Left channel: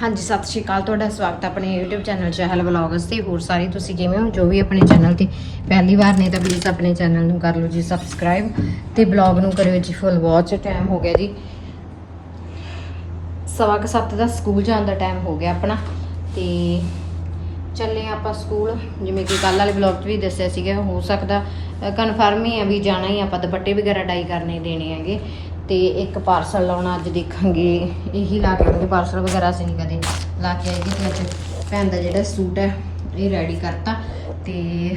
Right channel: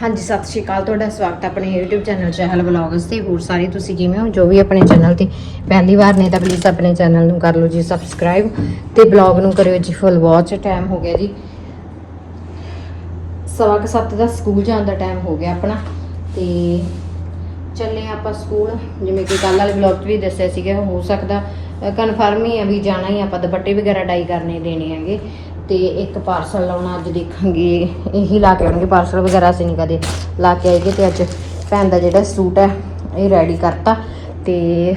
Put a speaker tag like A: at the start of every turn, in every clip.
A: ਹਾਂਜੀ, ਸਤਿ ਸ਼੍ਰੀ ਅਕਾਲ। ਤੁਹਾਡਾ ਸਵਾਗਤ ਹੈ ਆਪਣੇ YouTube ਚੈਨਲ ਚਹਿਲ ਵਲੌਗਸ ਤੇ। ਹੋਰ ਸਾਰੇ ਤੁਸੀਂ ਜਿਵੇਂ ਹੋ? ਜੋ ਵੀ ਆਪਣੇ ਚੈਨਲ ਤੇ ਪਹਿਲੀ ਵਾਰ ਨੇ ਤਾਂ ਪਲੀਜ਼ ਆਪਣੇ ਚੈਨਲ ਨੂੰ ਕਰ ਲਓ ਜੀ ਸਬਸਕ੍ਰਾਈਬ ਤੇ ਬਲੌਗ ਨੂੰ ਕਰਿਓ ਜੀ ਫੁੱਲ ਵਾਚ ਟਾਈਮ ਹੋ ਗਿਆ ਜੀ। ਸਵਾ ਕੁ ਸੱਤ ਦਾ ਸਕੂਲ ਜਾਣ ਦਾ ਟਾਈਮ ਹੋ ਗਿਆ ਆਪਣਾ। ਤੇ ਚੱਲੇ ਆਪਾਂ ਸਕੂਲ ਜਿਵੇਂ ਕਿ ਕੱਲ ਵਾਲੇ ਬਲੌਗ 'ਚ ਵੀ ਦੱਸਿਆ ਸੀਗਾ, ਹੋ ਸਕਦਾ ਕਨਫਰਮ ਹੀ ਆ ਵੀ ਜਾਣਾ ਹੀ ਆਪਾਂ ਦੁਪੱਟੇ ਵਗੈਰਾ ਡਾਈ ਕਰਨੇ ਦੇਣੇ ਹੈਗੇ। ਤੇ ਇੱਕ ਪਾਰਸਲ ਲਾਉਣਾ ਅੱਜ ਦੇਖਾਂਗੇ। ਇਹੀ ਲਾ ਕੇ ਆਉਣਗੇ ਪਾਰਸਲ ਵਗੈਰਾ, ਅਸੀਂ ਨਹੀਂ ਕਦੇ ਲਾ ਕੇ ਆਏਗੇ ਤੇ ਅੱਜ ਭੈਣ ਦਾ ਜਿਹੜਾ ਸੂਟ ਹੈ, ਇਹ ਰੈਡੀ ਕਰਤਾ ਤੇ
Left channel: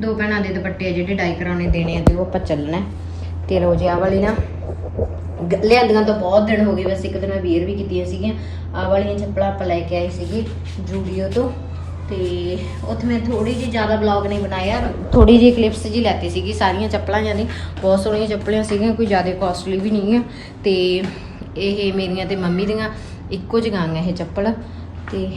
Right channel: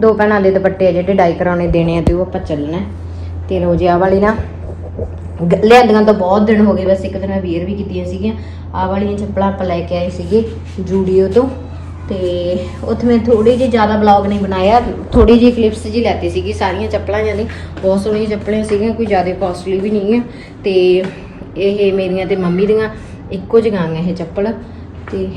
A: ਦੋ ਭੈਣਾਂ ਦੇ ਦੁਪੱਟੇ ਆ ਜਿਹੜੇ ਡਾਈ ਕਰਾਉਣੇ ਦੇਣੇ ਆ ਤੇ ਉਹ ਆਪਾਂ ਚੱਲਣਾ। ਹੈ। ਤੇ ਲੋ ਜੀ ਵਾਲੀ ਨਾ, ਗ- ਲਿਆਂਦੀਆਂ ਤਾਂ ਬਹੁਤ ਦਿਨ ਹੋ ਗਏ ਵੈਸੇ ਇੱਕ ਦਿਨ ਮੈਂ ਵੀਅਰ ਵੀ ਕੀਤੀਆਂ ਸੀਗੀਆਂ। ਆ ਵਾਲੀਆਂ ਚੱਪਲਾਂ ਆਪਾਂ ਲੈ ਕੇ ਆਏ ਸੀਗੇ ਜੂਡੀਓ ਤੋਂ। ਤੇ ਉੱਥੇ ਮੈਂ ਥੋੜੀ ਜਿਹੀ ਜ਼ਿਆਦਾ ਬਲੌਗ ਨਹੀਂ ਬਣਾਇਆ। ਥੋੜੀ ਜਿਹੀ ਕਲਿੱਪਸ ਜੀ ਲੈਤੀ ਸੀਗੀ, ਸਾਰੀਆਂ ਚੱਪਲਾਂ ਜਾਂਦੀ ਬਹੁਤ ਸੋਹਣੀਆਂ ਚੱਪਲਾਂ ਸੀਗੀਆਂ, ਕੋਈ ਜ਼ਿਆਦਾ ਕਾਸਟਲੀ ਵੀ ਨਹੀਂ ਹੈ ਤੇ ਇਹ ਮੇਰੀਆਂ ਤੇ ਮੰਮੀ ਦੀਆਂ ਇੱਕੋ ਜਿਹੀਆਂ ਆ ਇਹ ਚੱਪਲ। ਤੇ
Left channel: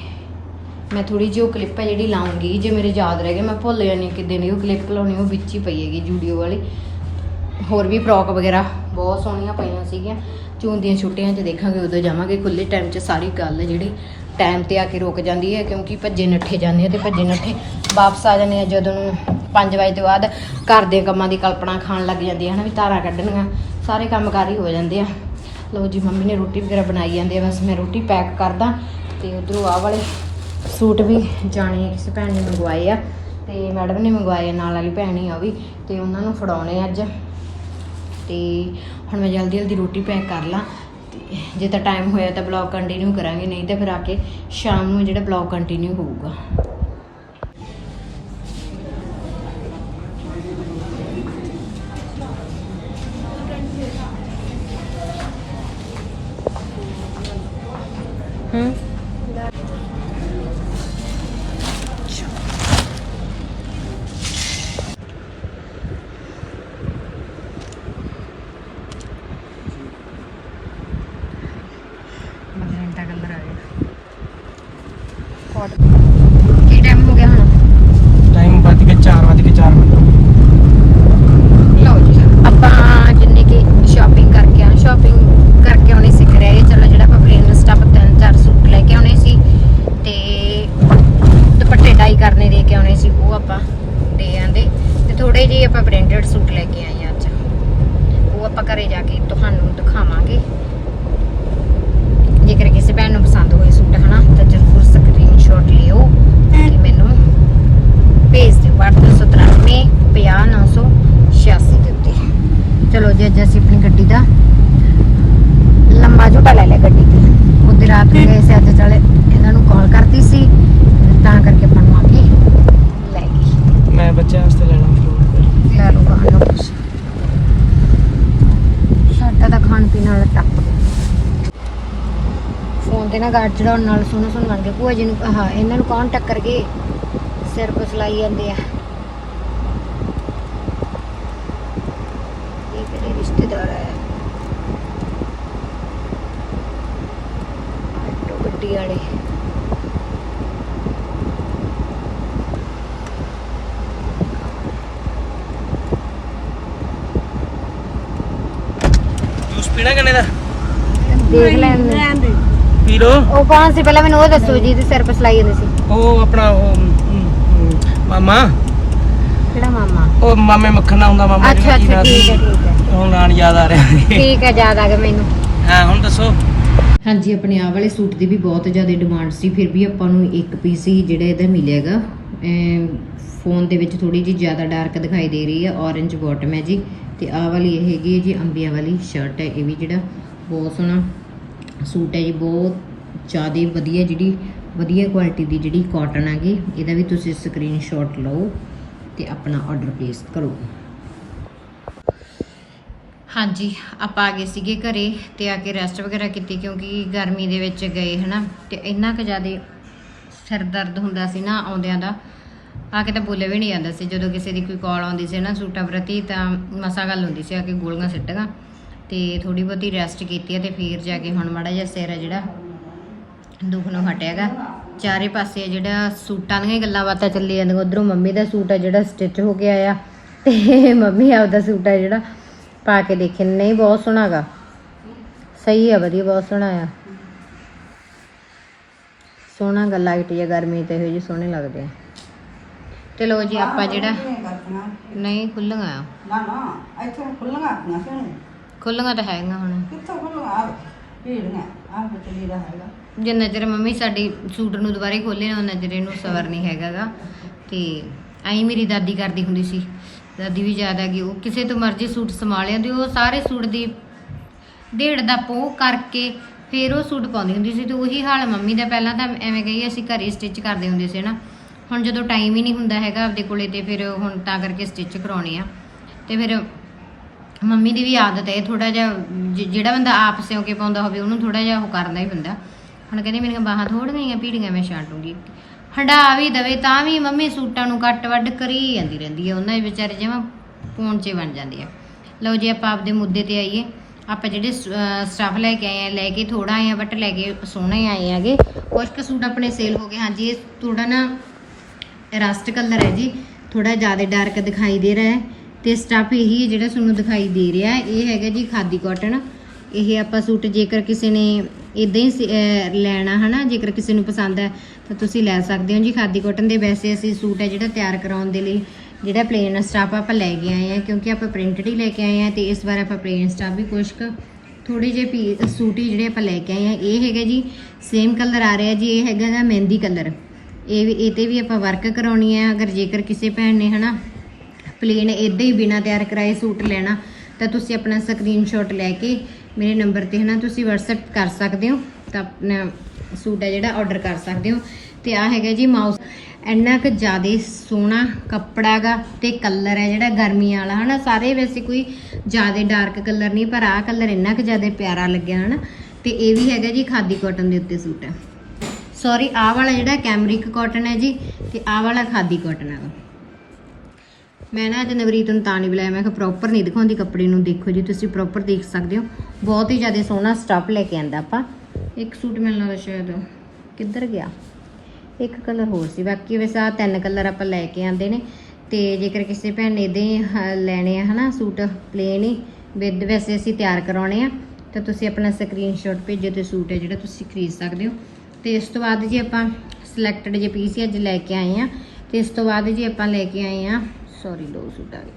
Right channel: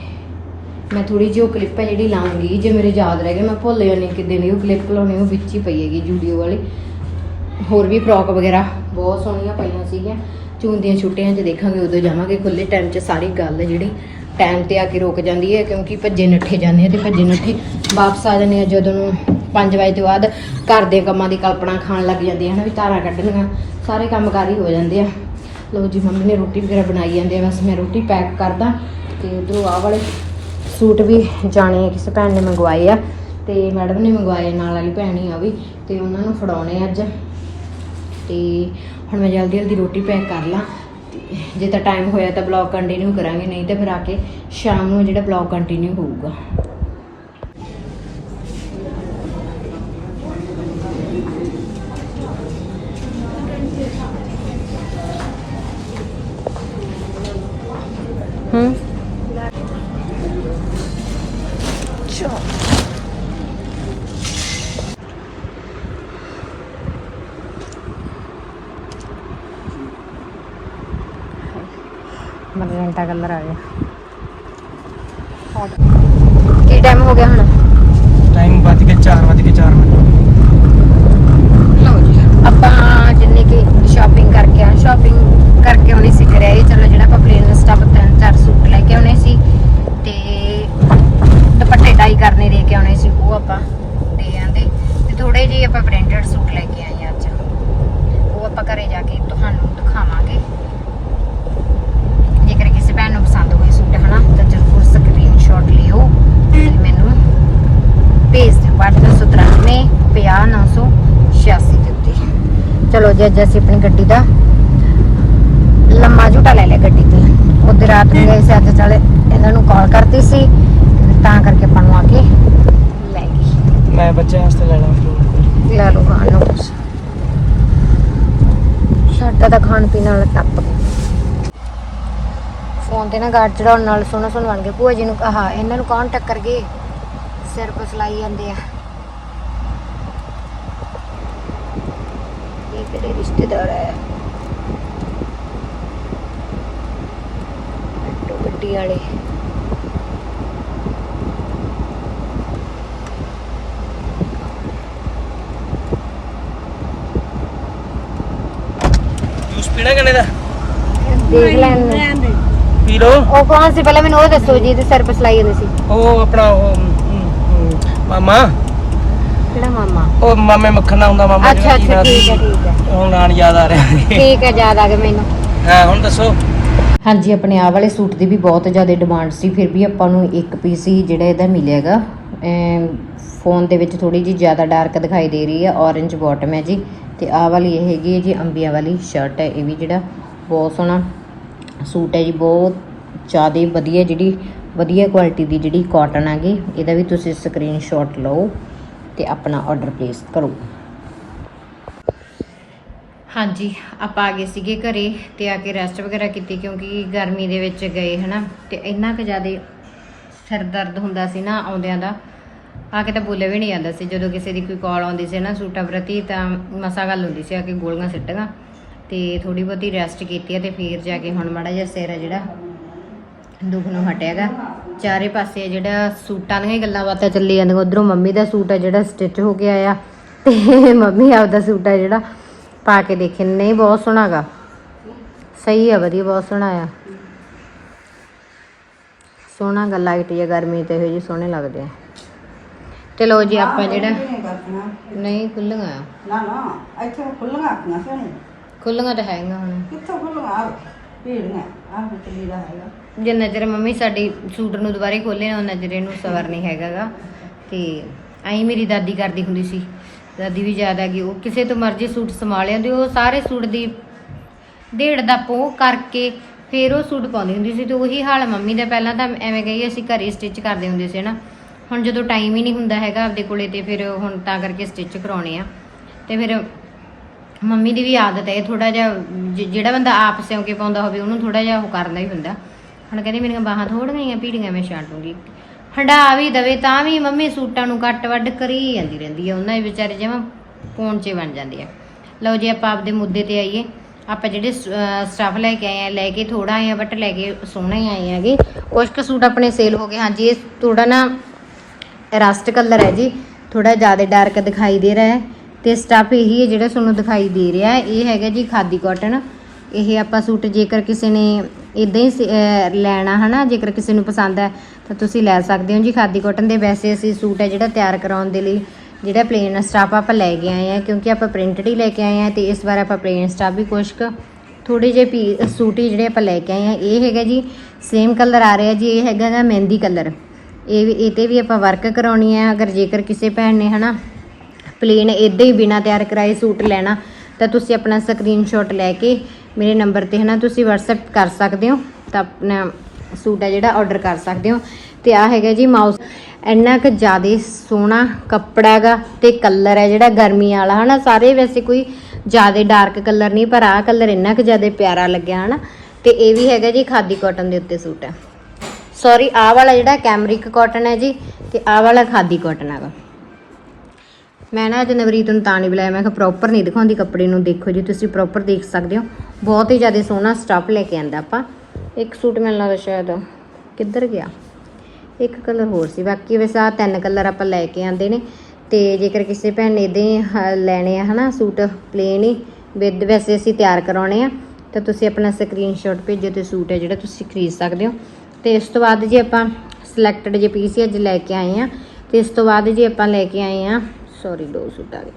A: ਮੈਂ ਥੋੜੀ ਜਿਹੀ ਉਹ ਕਲਿੱਪ ਹੈ ਜਿਹੜੀ ਲਾਉਂਗੀ, ਜੇ ਮੇਰੇ ਯਾਦ ਰਹਿ ਗਏ, ਮੈਂ ਭੁੱਲ ਜਾਣੀ ਕਿੱਦਾਂ ਦੀ ਉਹ ਕਲਿੱਪ ਲਾਉਣੀ, ਉਹ ਵਿੱਚ ਹੀ ਪਈ ਹੈਗੀ ਜੂਡੀਓ ਵਾਲੀ। ਹੋਰ ਵੀ ਫਰੋਕ ਵਗੈਰਾ ਬਹੁਤ ਸੋਹਣੀਆਂ ਪਈਆਂ ਸੀਗੀਆਂ। ਜੂਨ ਦੀਆਂ ਛੁੱਟੀਆਂ 'ਚ ਦੇਖਾਂਗੇ, ਉਦੋਂ ਜਾਵਾਂਗੇ ਖੁੱਲੇ ਟਾਈਮ 'ਚ, ਸਾਰੀ ਗੱਲ ਹੈ ਜਿਹੜੀ। ਟਾਈਮ ਤੇ ਆ ਕੇ ਰੁਕ ਜਾਂਦੀ ਹੈ, ਕਿਉਂਕਿ ਭੱਜੇ ਨੱਠੇ ਜਾਂਦੇ ਆ ਤੇ ਭੱਜੇ ਨੱਠੇ ਵਾਪਸ ਆ ਜਾਂਦੇ ਆ ਜਦੋਂ ਨੂੰ 5 ਵਜੇ ਤੋਂ ਬਾਅਦ ਘਰ ਦੇ ਕੰਮਾਂ ਦੀ ਕਲਪਨਾ ਖਾਣ ਲੱਗ ਜਾਂਦੀ ਹੈ ਹਨਾ ਵੀ ਧਾਰਾਂ ਕੱਢਣੀਆਂ, ਸਾਰੇ ਕੰਮ ਕਾਰ ਹੀ ਹੋ ਜਾਂਦੇ ਆ। ਲਓ ਜੀ, ਮੰਮੀ ਨੇ ਰੋਟੀ ਵਗੈਰਾ ਬਣਾਈ ਜਾਂਦੇ ਆ, ਬਸ ਮੈਂ ਰੋਟੀ ਪੈਕ ਕਰਦਾ ਤੇ ਉਧਰੋਂ ਆ ਵਾਲੇ ਸੂਟ ਵੀ ਜਾਣੇ ਆ, ਕਿਸੇ ਭੈਣ ਨੇ ਮੰਗਵਾਏ ਆ ਤੇ ਮੈਡਮ ਨੇ ਮੰਗਵਾਏ ਨਾਲ ਵਾਲੀ ਭੈਣ ਹੀ ਆ ਵੀ, ਤੇ ਉਹਨਾਂ ਨੂੰ ਫੜਾਉਣੇ ਅੱਜ। ਤੇ ਹੁਣ ਮੈਂ ਜਲਦੀ ਜਲਦੀ ਰੋਟੀ ਪੈਕ ਕਰ ਲਾਂ। ਜੇ ਤਾਂ ਟਾਈਮ ਹੋਇਆ ਤਾਂ ਬਲੌਗ ਕੰਟੀਨਿਊ ਕਰਾਂਗੇ, ਨਹੀਂ ਤਾਂ ਫਿਰ ਆ ਕੇ ਸ਼ਾਮ ਨੂੰ ਜਿਹੜਾ ਬਲੌਗ ਕੰਟੀਨਿਊ ਹੋਊਗਾ ਹੂੰ ਚਲੋ ਮਰਜੈਂਟਾ ਕਲਰ ਆ ਗਿਆ ਕੀ ਟਾਈਮ ਹੋ ਗਿਆ ਹੁਣ
B: ਟਾਈਮ ਵੱਜ ਕੇ 4 ਵੱਜ ਕੇ 4 ਮਿੰਟ
A: ਲਓ ਜੀ ਆਪਾਂ ਜਿੰਨੇ ਕਿ ਸ਼ਾਪਿੰਗ ਕਰਕੇ ਆ ਸ਼ਾਪਿੰਗ ਕਰਕੇ ਆਉਣੀ ਸਿੱਖ ਰਿਹਾ ਇਹ ਚਲੋ ਜਿਹੜਾ ਆਪਾਂ ਪਲੇਨ ਸਟਾਪ ਤਿੰਨ ਚਾਰ ਸੂਟ ਲੈ ਕੇ ਆਉਣੇ ਸੀ ਤੇ ਦੁਪੱਟੇ ਡਾਈ ਕਰਨੇ ਦੇ ਕੇ ਆਉਣੇ ਸੀ ਉਹ ਆਪਾਂ ਦੇ ਆਂਦੇ ਤੇ ਥੋੜੇ ਜਿਹੇ ਆਪਾਂ ਪ੍ਰਿੰਟਡ ਸੂਟ ਲੈ ਕੇ ਆਏ ਆ ਅੱਜ ਉਹ ਆਪਾਂ ਘਰੇ ਜਾ ਕੇ ਤੁਹਾਨੂੰ ਦਿਖਾਵਾਂਗੇ ਜੇਕਰ ਕਿਸੇ ਭੈਣ ਨੂੰ ਪਸੰਦ ਹੋਏ ਸੂਟ ਹਨਾ ਤਾਂ ਜ਼ਰੂਰ ਸਕਰੀਨਸ਼ਾਟ ਲਿਓ ਤੇ ਮੈਨੂੰ ਭੇਜ ਦਿਓ WhatsApp 97 50986 ਦੇ ਉੱਤੇ ਚਲੋ ਜੀ ਅੱਜ ਅਸੀਂ ਆਪਣੀ ਗੱਡੀ ਦਾ ਲੰਮਾ ਝੂਟਾ ਲੈ ਲਿਆ ਗੱਡੀ ਤੇ ਉਹਦੇ ਰਾਤ ਨੂੰ ਗਏ ਸੀ ਅੱਜ ਚੱਲ ਇਹਨਾਂ ਨੂੰ ਕਾਲ ਕਰਤੀ ਸੀ ਤਾਂ ਕਰਕੇ ਆਪਾਂ ਨੂੰ ਆ ਕੇ ਲੈ ਗਈ
B: ਮੈਂ ਬੱਚਿਆਂ ਵਾਸਤੇ ਲੈਣਾ ਫਰੂਟ
A: ਲੈ ਲਓ ਖਾਣ ਨੂੰ ਕੁਛ ਸਾਡਾ ਤਾਂ ਖਾਣ ਪੀਣ ਵਾਲਾ ਟੱਪ ਫੋਨ ਤੇ ਨਾ ਗਾਰਡ ਚੜਾਉਣ ਨਾਲ ਸੋਹਣਾ ਸੋਹਣਾ ਬਣ ਗਿਆ। ਭੂਆ ਜੀ ਨੂੰ ਕਹਾ, ਇਹਨਾਂ ਨੂੰ ਕੌਣ ਟੱਕਰ ਕੇ ਸਿਰ ਪਸਲਾਈ ਜਾਂਦੇ ਆ? ਇਹ ਕਿਹੜੇ ਰਿਸ਼ਤੇਦਾਰ ਹੈ ਗੱਡੀ ਵਾਲੇ।
B: ਜੂਸ ਪੀਣਾ ਕਿਨੇ ਦਾ?
A: ਦੇਖ ਲੈਣ
B: ਪੀ ਲੋ
A: ਉਹ ਕੌਣ ਸੀ? ਪਹਿਲਾਂ ਮੈਨੂੰ ਉਹ ਦੱਸੋ ਜੀ ਤੇ ਸਿਰ ਪਸਲਾਈ ਜਾਂਦੇ ਸੀ।
B: ਉਹ ਆਪਣਾ ਉਹ ਹਮ, ਹਮ, ਮਾਮਾ।
A: ਕਿਹੜਾ ਮਾਮਾ?
B: ਉਹ ਮਾਮੇ ਮੱਖਣ ਦਾ ਹੁੰਦਾ ਮਾਮਾ
A: ਅੱਛਾ
B: ਜਿਹੜਾ ਕੀ
A: ਅੱਛਾ
B: ਨਾਂ
A: ਠੀਕ ਹੈ
B: ਸੀ
A: ਠੀਕ ਹੈ।
B: ਹੁਣ ਨਾਂ ਨੀ ਯਾਦ ਆ ਰਿਹਾ।
A: ਠੀਕ ਹੈ ਯਾਦ ਆ ਗਿਆ ਮੈਨੂੰ।
B: ਹਾਂ ਹੁਣ ਦੱਸੋ।
A: ਹਾਂਜੀ ਆਪਣੇ ਆਹ ਵਾਲੇ ਸੂਟ ਦੀ ਵੀ ਬਹੁਤ ਜ਼ਿਆਦਾ ਡਿਮਾਂਡ ਸੀ ਫਿਰ ਵੀ ਆਪਾਂ ਨੂੰ ਇੱਕ ਪੀਸ ਹੀ ਜਿਹੜਾ ਇਹਦਾ ਮਿਲਿਆਗਾ ਫੋਨ ਦੇ ਵਿੱਚ ਥੋੜੀ ਜਿਹੀ ਜ਼ਿਆਦਾ ਡਾਰਕ ਦਿਖਾਈ ਦੇ ਰਹੀ ਹੈ, orange ਬਾਟਮ ਹੈ ਜੀ। ਤੇ ਆਹ ਵਾਲੀ ਇਹ ਹੈਗੀ ਹੈ ਜੀ, ਅੰਬੀਆਂ ਵਾਲੀ ਸ਼ਰਟ ਹੈ, ਇਹ ਵੀ ਜਿਹੜਾ ਬਹੁਤ ਸੋਹਣਾ ਸੂਟ ਹੈ ਜੀ, ਬਹੁਤ ਜ਼ਿਆਦਾ ਵਧੀਆ ਜਿਹੜੀ, ਵਧੀਆ ਕੁਆਲਿਟੀ ਦੀ ਜਿਹੜੀ ਕਾਟਨ ਹੈਗੀ, ਇਹਦਾ ਵੀ ਤੁਸੀਂ ਸਕਰੀਨਸ਼ਾਟ ਲਓ ਤੇ ਆਪਣਾ ਆਰਡਰ ਪਲੇਸ ਕਰੋ। ਹਾਂਜੀ, ਆਪਾਂ ਆ ਗਏ ਸੀਗੇ ਘਰੇ ਤੇ ਆ ਕੇ ਰੈਸਟ ਵਗੈਰਾ ਕੀਤੀ ਕਿਉਂਕਿ ਗਰਮੀ ਦੇ ਵਿੱਚ ਗਏ, ਹਨਾ, ਤੇ ਇੰਨਾ ਕੁ ਜ਼ਿਆਦਾ ਸਿਰ ਦਰਦ ਹੁੰਦਾ ਸੀ ਨਾ ਆਉਂਦਿਆਂ ਦਾ। ਆ ਕੇ ਤਾਂ ਬੋਲੇ ਵੀ ਨਹੀਂ ਜਾਂਦਾ ਸੀ। ਜਦੋਂ ਕਿਸੇ ਦੀ ਕੋਈ ਕਾਲ ਆਉਂਦੀ ਸੀ ਨਾ ਸੂਟਾਂ ਪ੍ਰਤੀ ਤਾਂ ਮਸਾ ਗੱਲ ਹੁੰਦੀ ਸੀ ਆ ਕੇ ਗੋਲੀਆਂ ਸਿੱਟਗਾ ਤੇ ਥੋੜੀ ਬਹੁਤੀ ਰੈਸਟ ਕੀਤੀ ਹੈ ਤੇ ਫਿਰ ਜਾ ਕੇ ਹੁਣ ਮਾੜਾ ਜਿਹਾ ਸਿਰ ਆ ਜਿਹੜਾ, ਦੁੱਖ ਨੂੰ ਹਟਿਆਗਾ। ਚਾਰੇ ਪਾਸੇ ਜਿਹੜਾ ਸੂਟਾਂ ਦੀਆਂ ਹੀ ਗੱਲਾਂ ਬਾਤਾਂ ਚੱਲੀ ਜਾਂਦੀਆਂ। ਉਧਰੋਂ ਮੰਮੀ ਦਾ ਸੂਟ ਆ ਜਿਹੜਾ ਸਟਿਚ ਹੋ ਕੇ ਆਇਆ। ਤੇ ਮੰਮੀ ਆਪਦਾ ਸੂਟ ਹੈ ਜਿਹੜਾ ਪਾ ਕੇ ਦੇਖੇ। ਨਹੀਂ, ਬਹੁਤ ਸੋਹਣਾ ਗਾ। ਸਹੀ ਆ, ਵਧੀਆ, ਬਹੁਤ ਸੋਹਣਾ ਆ। ਸੋਹਣਾ ਗੱਲ ਲਾਈਟ ਜਿਹਾ ਗਰਮੀ ਤੇ, ਇਹੋ ਜਿਹੇ ਸੋਹਣੇ ਲੱਗਦੇ ਆ। ਚਲੋ ਜੀ ਆਪਾਂ ਜਿਹੜਾ ਨਹੀਂ ਖੁੱਲੀਆਂ ਆ।
C: ਨਾ ਨਾ ਇੱਥੇ ਖੁੱਲੀਆਂ ਆਖੀਆਂ ਸੀ
A: ਖੁੱਲੀਆਂ ਤਾਂ ਹੈਗੀਆਂ ਹੁਣ।
C: ਕਿੱਥੋਂ ਖੁੱਲੀਆਂ ਭੀੜੀਆਂ। ਆਹ ਵਿੱਚ ਲੀੜਾ ਹੈਗਾ।
A: ਜੇ ਨਜ਼ਰ ਮੰਮੀ ਸਾਡੀ ਸੂਟ ਨੂੰ ਦੁਬਾਰੇ ਖੋਲੇ ਨਾ ਉਹ ਨਜ਼ਰ ਇਹਨੂੰ ਸਵਰ ਨਹੀਂ ਹੈਗਾਗਾ। ਤੇ ਐਂ ਮੇਰੀ ਦਾਦੀ ਕਰਦੀ ਹੁੰਦੀ ਸੀ। ਦਾਦੀ ਵੀ ਆ ਗਈ ਉਹ ਕਿਸੇ ਤੋਂ ਮਰਜ਼ੀ ਸੂਟ ਸਮਾ ਲਿਆਂਦੀ ਉਹ ਸਾਰੇ ਸੂਟ ਦੀ ਢੇੜ ਦਾ ਪੋ ਕਰਕੇ ਫਿਰ ਉਹ ਸੂਟ ਪਾਉਂਦੀ ਹੁੰਦੀ ਸੀ। ਤੇ ਉਹੀ ਹਾਲ ਮੰਮੀ ਦਾ ਪਹਿਲਾਂ ਤਾਂ ਐਵੇਂ ਕਹੀ ਅਸੀਂ ਘਰੇ ਸਟਿਚ ਕਰਦੇ ਹੁੰਦੇ ਸੀ ਨਾ ਹੁਣ ਜਦੋਂ ਟਾਈਮ ਹੀ ਨਹੀਂ ਹੁੰਦਾ ਹੈਗਾ ਆਪਦੇ ਕੋਲੇ ਤੇ ਫਿਰ ਹੁਣ ਤਾਂ ਕਰਕੇ ਸਟਿਚ ਕਰਾਉਣੇ ਆ। ਤੇ ਫਿਰ ਮੰਮੀ ਦੀ ਵੀ ਆਦਤ ਹੈ ਥੋੜਾ ਜਿਹਾ ਜ- ਜਿਹੜਾ ਬੰਦਾ ਆਪ ਸਿਉਂ ਕੇ ਪਾਉਂਦਾ ਹੋਵੇ, ਉਹਨੂੰ ਥੋੜਾ ਜਿਹਾ ਉਹ ਕਰਨਾ ਹੀ ਹੁੰਦਾ। ਹੁਣ ਕਹਿੰਦੇ ਮੇਰੀਆਂ ਬਾਹਾਂ ਥੋੜੀਆਂ ਹੀ ਪੀੜੀਆਂ ਮੈਂ ਛਾਂਟੂਗੀ। ਹੰਡਾ ਵੀ ਦਵੇ ਤਾਂ ਵੀ ਮੰਮੀ ਸੂਟਾਂ ਨੂੰ ਕੱਟ ਵੱਢ ਕਰੀ ਜਾਂਦੀ ਰਹਿੰਦੀ ਹੈ ਉਹਨਾਂ ਦੇ ਵਿਚਾਰੇ ਜਿਵੇਂ ਪੌਂਚੇ ਬਣ ਜਾਂਦੇ ਆ। ਲਓ ਜੀ, ਆਪਾਂ ਆਪਦੇ ਮੁੱਦੇ ਤੇ ਆਈਏ। ਆਪਾਂ ਜਿਹੜੇ ਸਟਾਫ ਲੈ ਕੇ ਆਏ ਆ, ਲੈ ਕੇ ਥੋੜਾ ਆਏ ਆ ਬਟ ਲੈ ਕੇ ਸੋਹਣੇ ਆਏ ਆਗੇ ਕੁਝ ਕੁ ਸੂਟ ਆਪਣੇ ਸੇਲ ਹੋ ਗਏ। ਹਾਂਜੀ, ਇਹ ਥੋੜਾ ਨਾ ਰਸਟ ਕਲਰ ਹੈ ਜੀ। ਥੋੜਾ ਜ਼ਿਆਦਾ ਡਾਰਕ ਦਿਖਾਈ ਦੇ ਰਿਹਾ ਹੈ ਤੇ ਸਟਫ ਇਹੀ ਹੈ ਜਿਹੜਾ ਤੁਹਾਨੂੰ ਦਿਖਾਈ ਦੇ ਰਿਹਾ ਹੈ। ਇਹ ਹੈਗਾ ਜੀ ਖਾਦੀ ਕਾਟਨ ਇਹ ਆਪਾਂ ਸੂਟ ਜੇਕਰ ਕਿਸੇ ਨੇ ਇਦਾਂ ਹੀ ਸ- ਅਹ ਲੈਣਾ ਹਨਾ, ਜੇਕਰ ਕਿਸੇ ਨੂੰ ਪਸੰਦ ਹੈ, ਤਾਂ ਤੁਸੀਂ ਲੈ ਸਕਦੇ ਹੋ ਜੀ ਖਾਦੀ ਕਾਟਨ ਦੇ। ਵੈਸੇ ਅਸੀਂ ਸੂਟ ਹੈ ਜਿਹੜਾ ਤਿਆਰ ਕਰਾਉਣ ਦੇ ਲਈ ਜਿਹੜਾ ਪਲੇਨ ਸਟਾਫ ਆਪਾਂ ਲੈ ਕੇ ਆਏ ਆ ਕਿਉਂਕਿ ਆਪਾਂ ਪ੍ਰਿੰਟਡ ਹੀ ਲੈ ਕੇ ਆਏ ਆ ਤੇ ਇਸ ਵਾਰ ਆਪਾਂ ਪਲੇਨ ਸਟਾਫ ਵੀ ਕੁਛ ਕੁ ਥੋੜੇ ਜਿਹੇ ਪੀ ਸੂਟ ਹੀ ਜਿਹੜੇ ਆਪਾਂ ਲੈ ਕੇ ਆਏ ਆ ਇਹ ਹੈਗਾ ਜੀ ਸੇਮ ਕਲਰ ਆ ਰਿਹਾ ਜੀ, ਇਹ ਹੈਗਾ ਦਾ ਮਹਿੰਦੀ ਕਲਰ ਇਹ ਵੀ ਇਹ ਤੇ ਵੀ ਆਪਾਂ ਵਰਕ ਕਰਾਉਣੀ ਹੈ, ਅਗਰ ਜੇਕਰ ਕਿਸੇ ਭੈਣ ਨੇ ਹਨਾ ਪਲੇਨ ਇਦਾਂ ਹੀ ਬਿਨਾ ਤਿਆਰ ਕਰਾਏ ਸੂਟ ਲੈਣਾ, ਤਾਂ ਤੁਸੀਂ ਆਪਣਾ ਸਕਰੀਨਸ਼ਾਟ ਲੈ ਕੇ ਮੇਰੇ ਨੰਬਰ ਤੇ ਹਨਾ ਤੁਸੀਂ WhatsApp ਕਰ ਸਕਦੇ ਹੋ, ਤਾਂ ਆਪਣਾ ਸੂਟ ਹੈ ਜਿਹੜਾ ਆਰਡਰ ਕਰ ਸਕਦੇ ਹੋ। ਤੇ ਆ ਹੈਗਾ ਜੀ ਮਾਊਸ ਇੰਨਾ ਕੁ ਜ਼ਿਆਦਾ ਸੋਹਣਾ ਕੱਪੜਾ ਹੈਗਾ ਤੇ ਕਲਰ ਹੈ ਜਿਹੜਾ ਗਰਮੀ ਵਾਲਾ ਹਨਾ, ਸਾਰੇ ਵੈਸੇ ਕੋਈ ਜ਼ਿਆਦਾ ਡਾਰਕ ਕਲਰ ਨਹੀਂ, ਪਰ ਆਹ ਕਲਰ ਇੰਨਾ ਕੁ ਜ਼ਿਆਦਾ ਪਿਆਰਾ ਲੱਗਿਆ ਹਨਾ। ਤੇ ਇਹ ਵੀ ਹੈਗਾ ਜੀ ਖਾਦੀ ਕਾਟਨ ਦੇ ਉੱਤੇ ਸੂਟ ਹੈ। ਸੌਰੀ ਆਹ ਵਾਲਾ ਜਿਹੜਾ ਕੈਮਰਿਕ ਕਾਟਨ ਹੈ ਜੀ ਤੇ ਆਹ ਵਾਲਾ ਖਾਦੀ ਕਾਟਨ ਹੈਗਾ। ਮੈਂ ਨਾ ਅੱਜ ਨਵਰੀਤ ਨੂੰ ਤਾਂ ਨਹੀਂ ਬੁਲਾਇਆ, ਮੈਂ ਕਿਹਾ ਪ੍ਰੋਪਰ ਨਹੀਂ ਦਿਖਾਉਂਦੀ ਕੱਪੜੇ ਨੂੰ। ਦੇਖੋ ਜੀ, ਤੁਸੀਂ ਪ੍ਰੋਪਰ ਦੇਖ ਸਕਦੇ ਹੋ। ਬਹੁਤ ਹੀ ਜ਼ਿਆਦਾ ਸੋਹਣਾ ਸਟਾਫ ਲੈ ਕੇ ਆਂਦਾ ਆਪਾਂ। ਇੱਕ ਸੂਟ ਮੈਨੂੰ ਲੱਗਦਾ ਸ਼ਾਇਦ ਕਿੱਧਰ ਗਿਆ? ਇੱਕ ਕਲਰ ਹੋਰ ਸੀ। ਬਾਕੀ ਵੈਸੇ ਆ ਤਿੰਨ ਕਲਰ ਆਪਾਂ ਲੈ ਕੇ ਆਂਦੇ ਨੇ। ਤੇ ਜੇਕਰ ਕਿਸੇ ਭੈਣ ਨੇ ਇਦਾਂ ਲੈਣੇ ਆ, ਹਨਾ, ਸੂਟ ਪਲੇਨ ਹੀ, ਵਿਦ ਵੈਸੇ ਅਸੀਂ ਤਿਆਰ ਕਰਾਉਣੇ ਆ। ਤਾਂ ਤੁਸੀਂ ਆਪਣਾ ਸਕਰੀਨਸ਼ਾਟ ਭੇਜੋ ਤੇ ਸੂਟ ਹੈ ਜਿਹੜਾ ਤੁਸੀਂ ਖਰੀਦ ਸਕਦੇ ਹੋ। ਤੇ ਇਸ ਤੋਂ ਬਾਅਦ ਜੀ ਆਪਾਂ ਸਿਲੈਕਟਡ ਜੇ ਪੀਸ ਅੱਜ ਲੈ ਕੇ ਆਏ ਆ ਤੇ ਇਸ ਤੋਂ ਬਾਅਦ ਜੀ ਆਪਾਂ ਲੈ ਕੇ ਆਏ ਆ ਸੌਰੀ ਦੋ ਸੂਟ ਆ ਗਏ।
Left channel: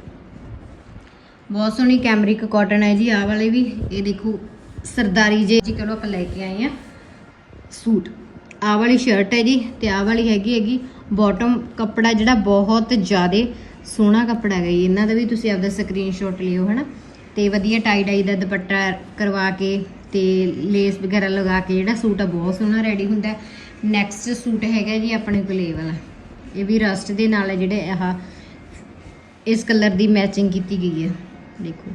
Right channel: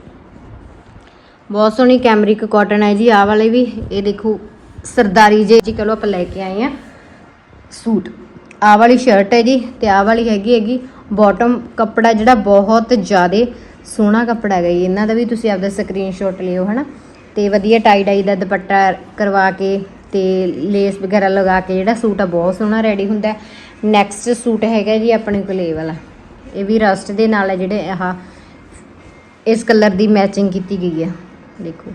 A: ਬਹੁਤ ਸੋਹਣੀ ਕੈਮਰਿਕ ਕਾਟਨ ਹੈ ਜੀ, ਆਹ ਵਾਲੇ ਵੀ। ਇਹ ਦੇਖੋ, ਸਰਦਾਰੀ ਜੇ ਜੀ ਚਲੋ ਆਪਾਂ ਲੈ ਕੇ ਆਏ ਆ ਸੂਟ। ਆਹ ਵਾਲੀ ਸ਼ਰਟ ਹੈ ਜੀ ਤੇ ਆਹ ਵਾਲੀ ਹੈਗੀ ਹੈਗੀ ਬਾਟਮ ਕੱਪੜਾ ਜਿਹੜਾ ਬਹੁਤ ਜ਼ਿਆਦਾ ਸੋਹਣਾ ਕੱਪੜਾ ਹੈਗਾ ਜੀ। ਇਹਨਾਂ ਦਾ ਵੀ ਤੁਸੀਂ ਆਪਦਾ ਸਕਰੀਨਸ਼ਾਟ ਲਿਓ, ਹਨਾ। ਤੇ ਵਧੀਆ ਟਾਈ ਡਾਈ ਦਾ ਦੁਪੱਟਾ ਕਰਵਾ ਕੇ ਤੇ ਲੇਸ ਵਗੈਰਾ ਲਗਾ ਕੇ ਜਿਹੜਾ ਸੂਟ ਆ, ਬਹੁਤ ਸੋਹਣਾ ਰੈਡੀ ਹੁੰਦਾ ਨੈਕਸਟ ਸੂਟ ਹੈਗਾ ਜੀ ਆਪਣੇ ਕੋਲ ਇਹ ਵਾਲਾ। ਇਹ ਵੀ ਰਸਟ ਦੇ ਨਾਲ ਹੈ ਜਿਹੜੇ ਆਹ, ਇਸ ਕਲਰ ਦੀ ਮੈਚਿੰਗ ਕੀਤੀ ਗਈ ਹੈ ਦੇਖੋ,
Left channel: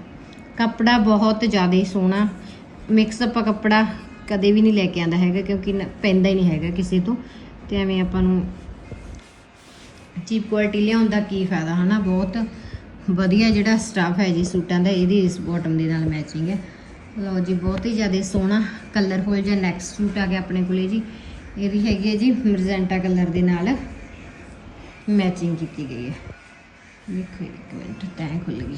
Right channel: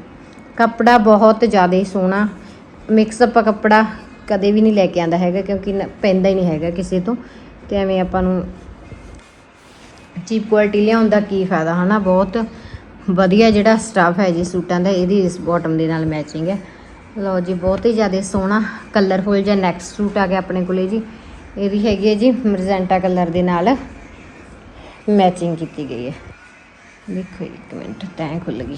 A: ਕੱਪੜਾ ਬਹੁਤ ਜ਼ਿਆਦਾ ਸੋਹਣਾ। ਮਿਕਸ ਅਪ ਕੱਪੜਾ ਕਦੇ ਵੀ ਨਹੀਂ ਲੈ ਕੇ ਆਂਦਾ ਹੈਗਾ ਕਿਉਂਕਿ ਪੈਂਦਾ ਹੀ ਨਹੀਂ ਹੈਗਾ ਕਿਸੇ ਤੋਂ। ਤੇ ਐਵੇਂ ਆਪਾਂ ਨੂੰ ਚੀਪ ਕੁਆਲਿਟੀ ਲਿਆਉਣ ਦਾ ਕੀ ਫਾਇਦਾ, ਹਨਾ? ਬਹੁਤ ਵਧੀਆ ਜਿਹੜਾ ਸਟਾਫ ਹੈ ਜੀ ਸੂਟਾਂ ਦਾ, ਇਹਦੀ ਇਸ ਬਾਟਮ ਦੇ ਨਾਲ ਮੈਚਿੰਗ ਹੈ। ਲਓ ਜੀ, ਬਹੁਤ ਹੀ ਜ਼ਿਆਦਾ ਸੋਹਣਾ ਕਲਰਫੁਲ ਜਿਹਾ ਨੈਕਸਟ ਸੂਟ ਆ ਗਿਆ ਆਪਣੇ ਕੋਲੇ ਜੀ। ਇਹਦੀ ਹੈਗੀ ਹੈ ਜੀ ਮਰਜੈਂਟਾ ਕਲਰ ਦੇ ਨਾਲ ਮੈਚਿੰਗ ਕੀਤੀ ਗਈ ਹੈ। ਦੇਖੋ ਇੱਕ ਮਿੰਟ ਤੈਂ ਖੁੱਲ ਗਈ।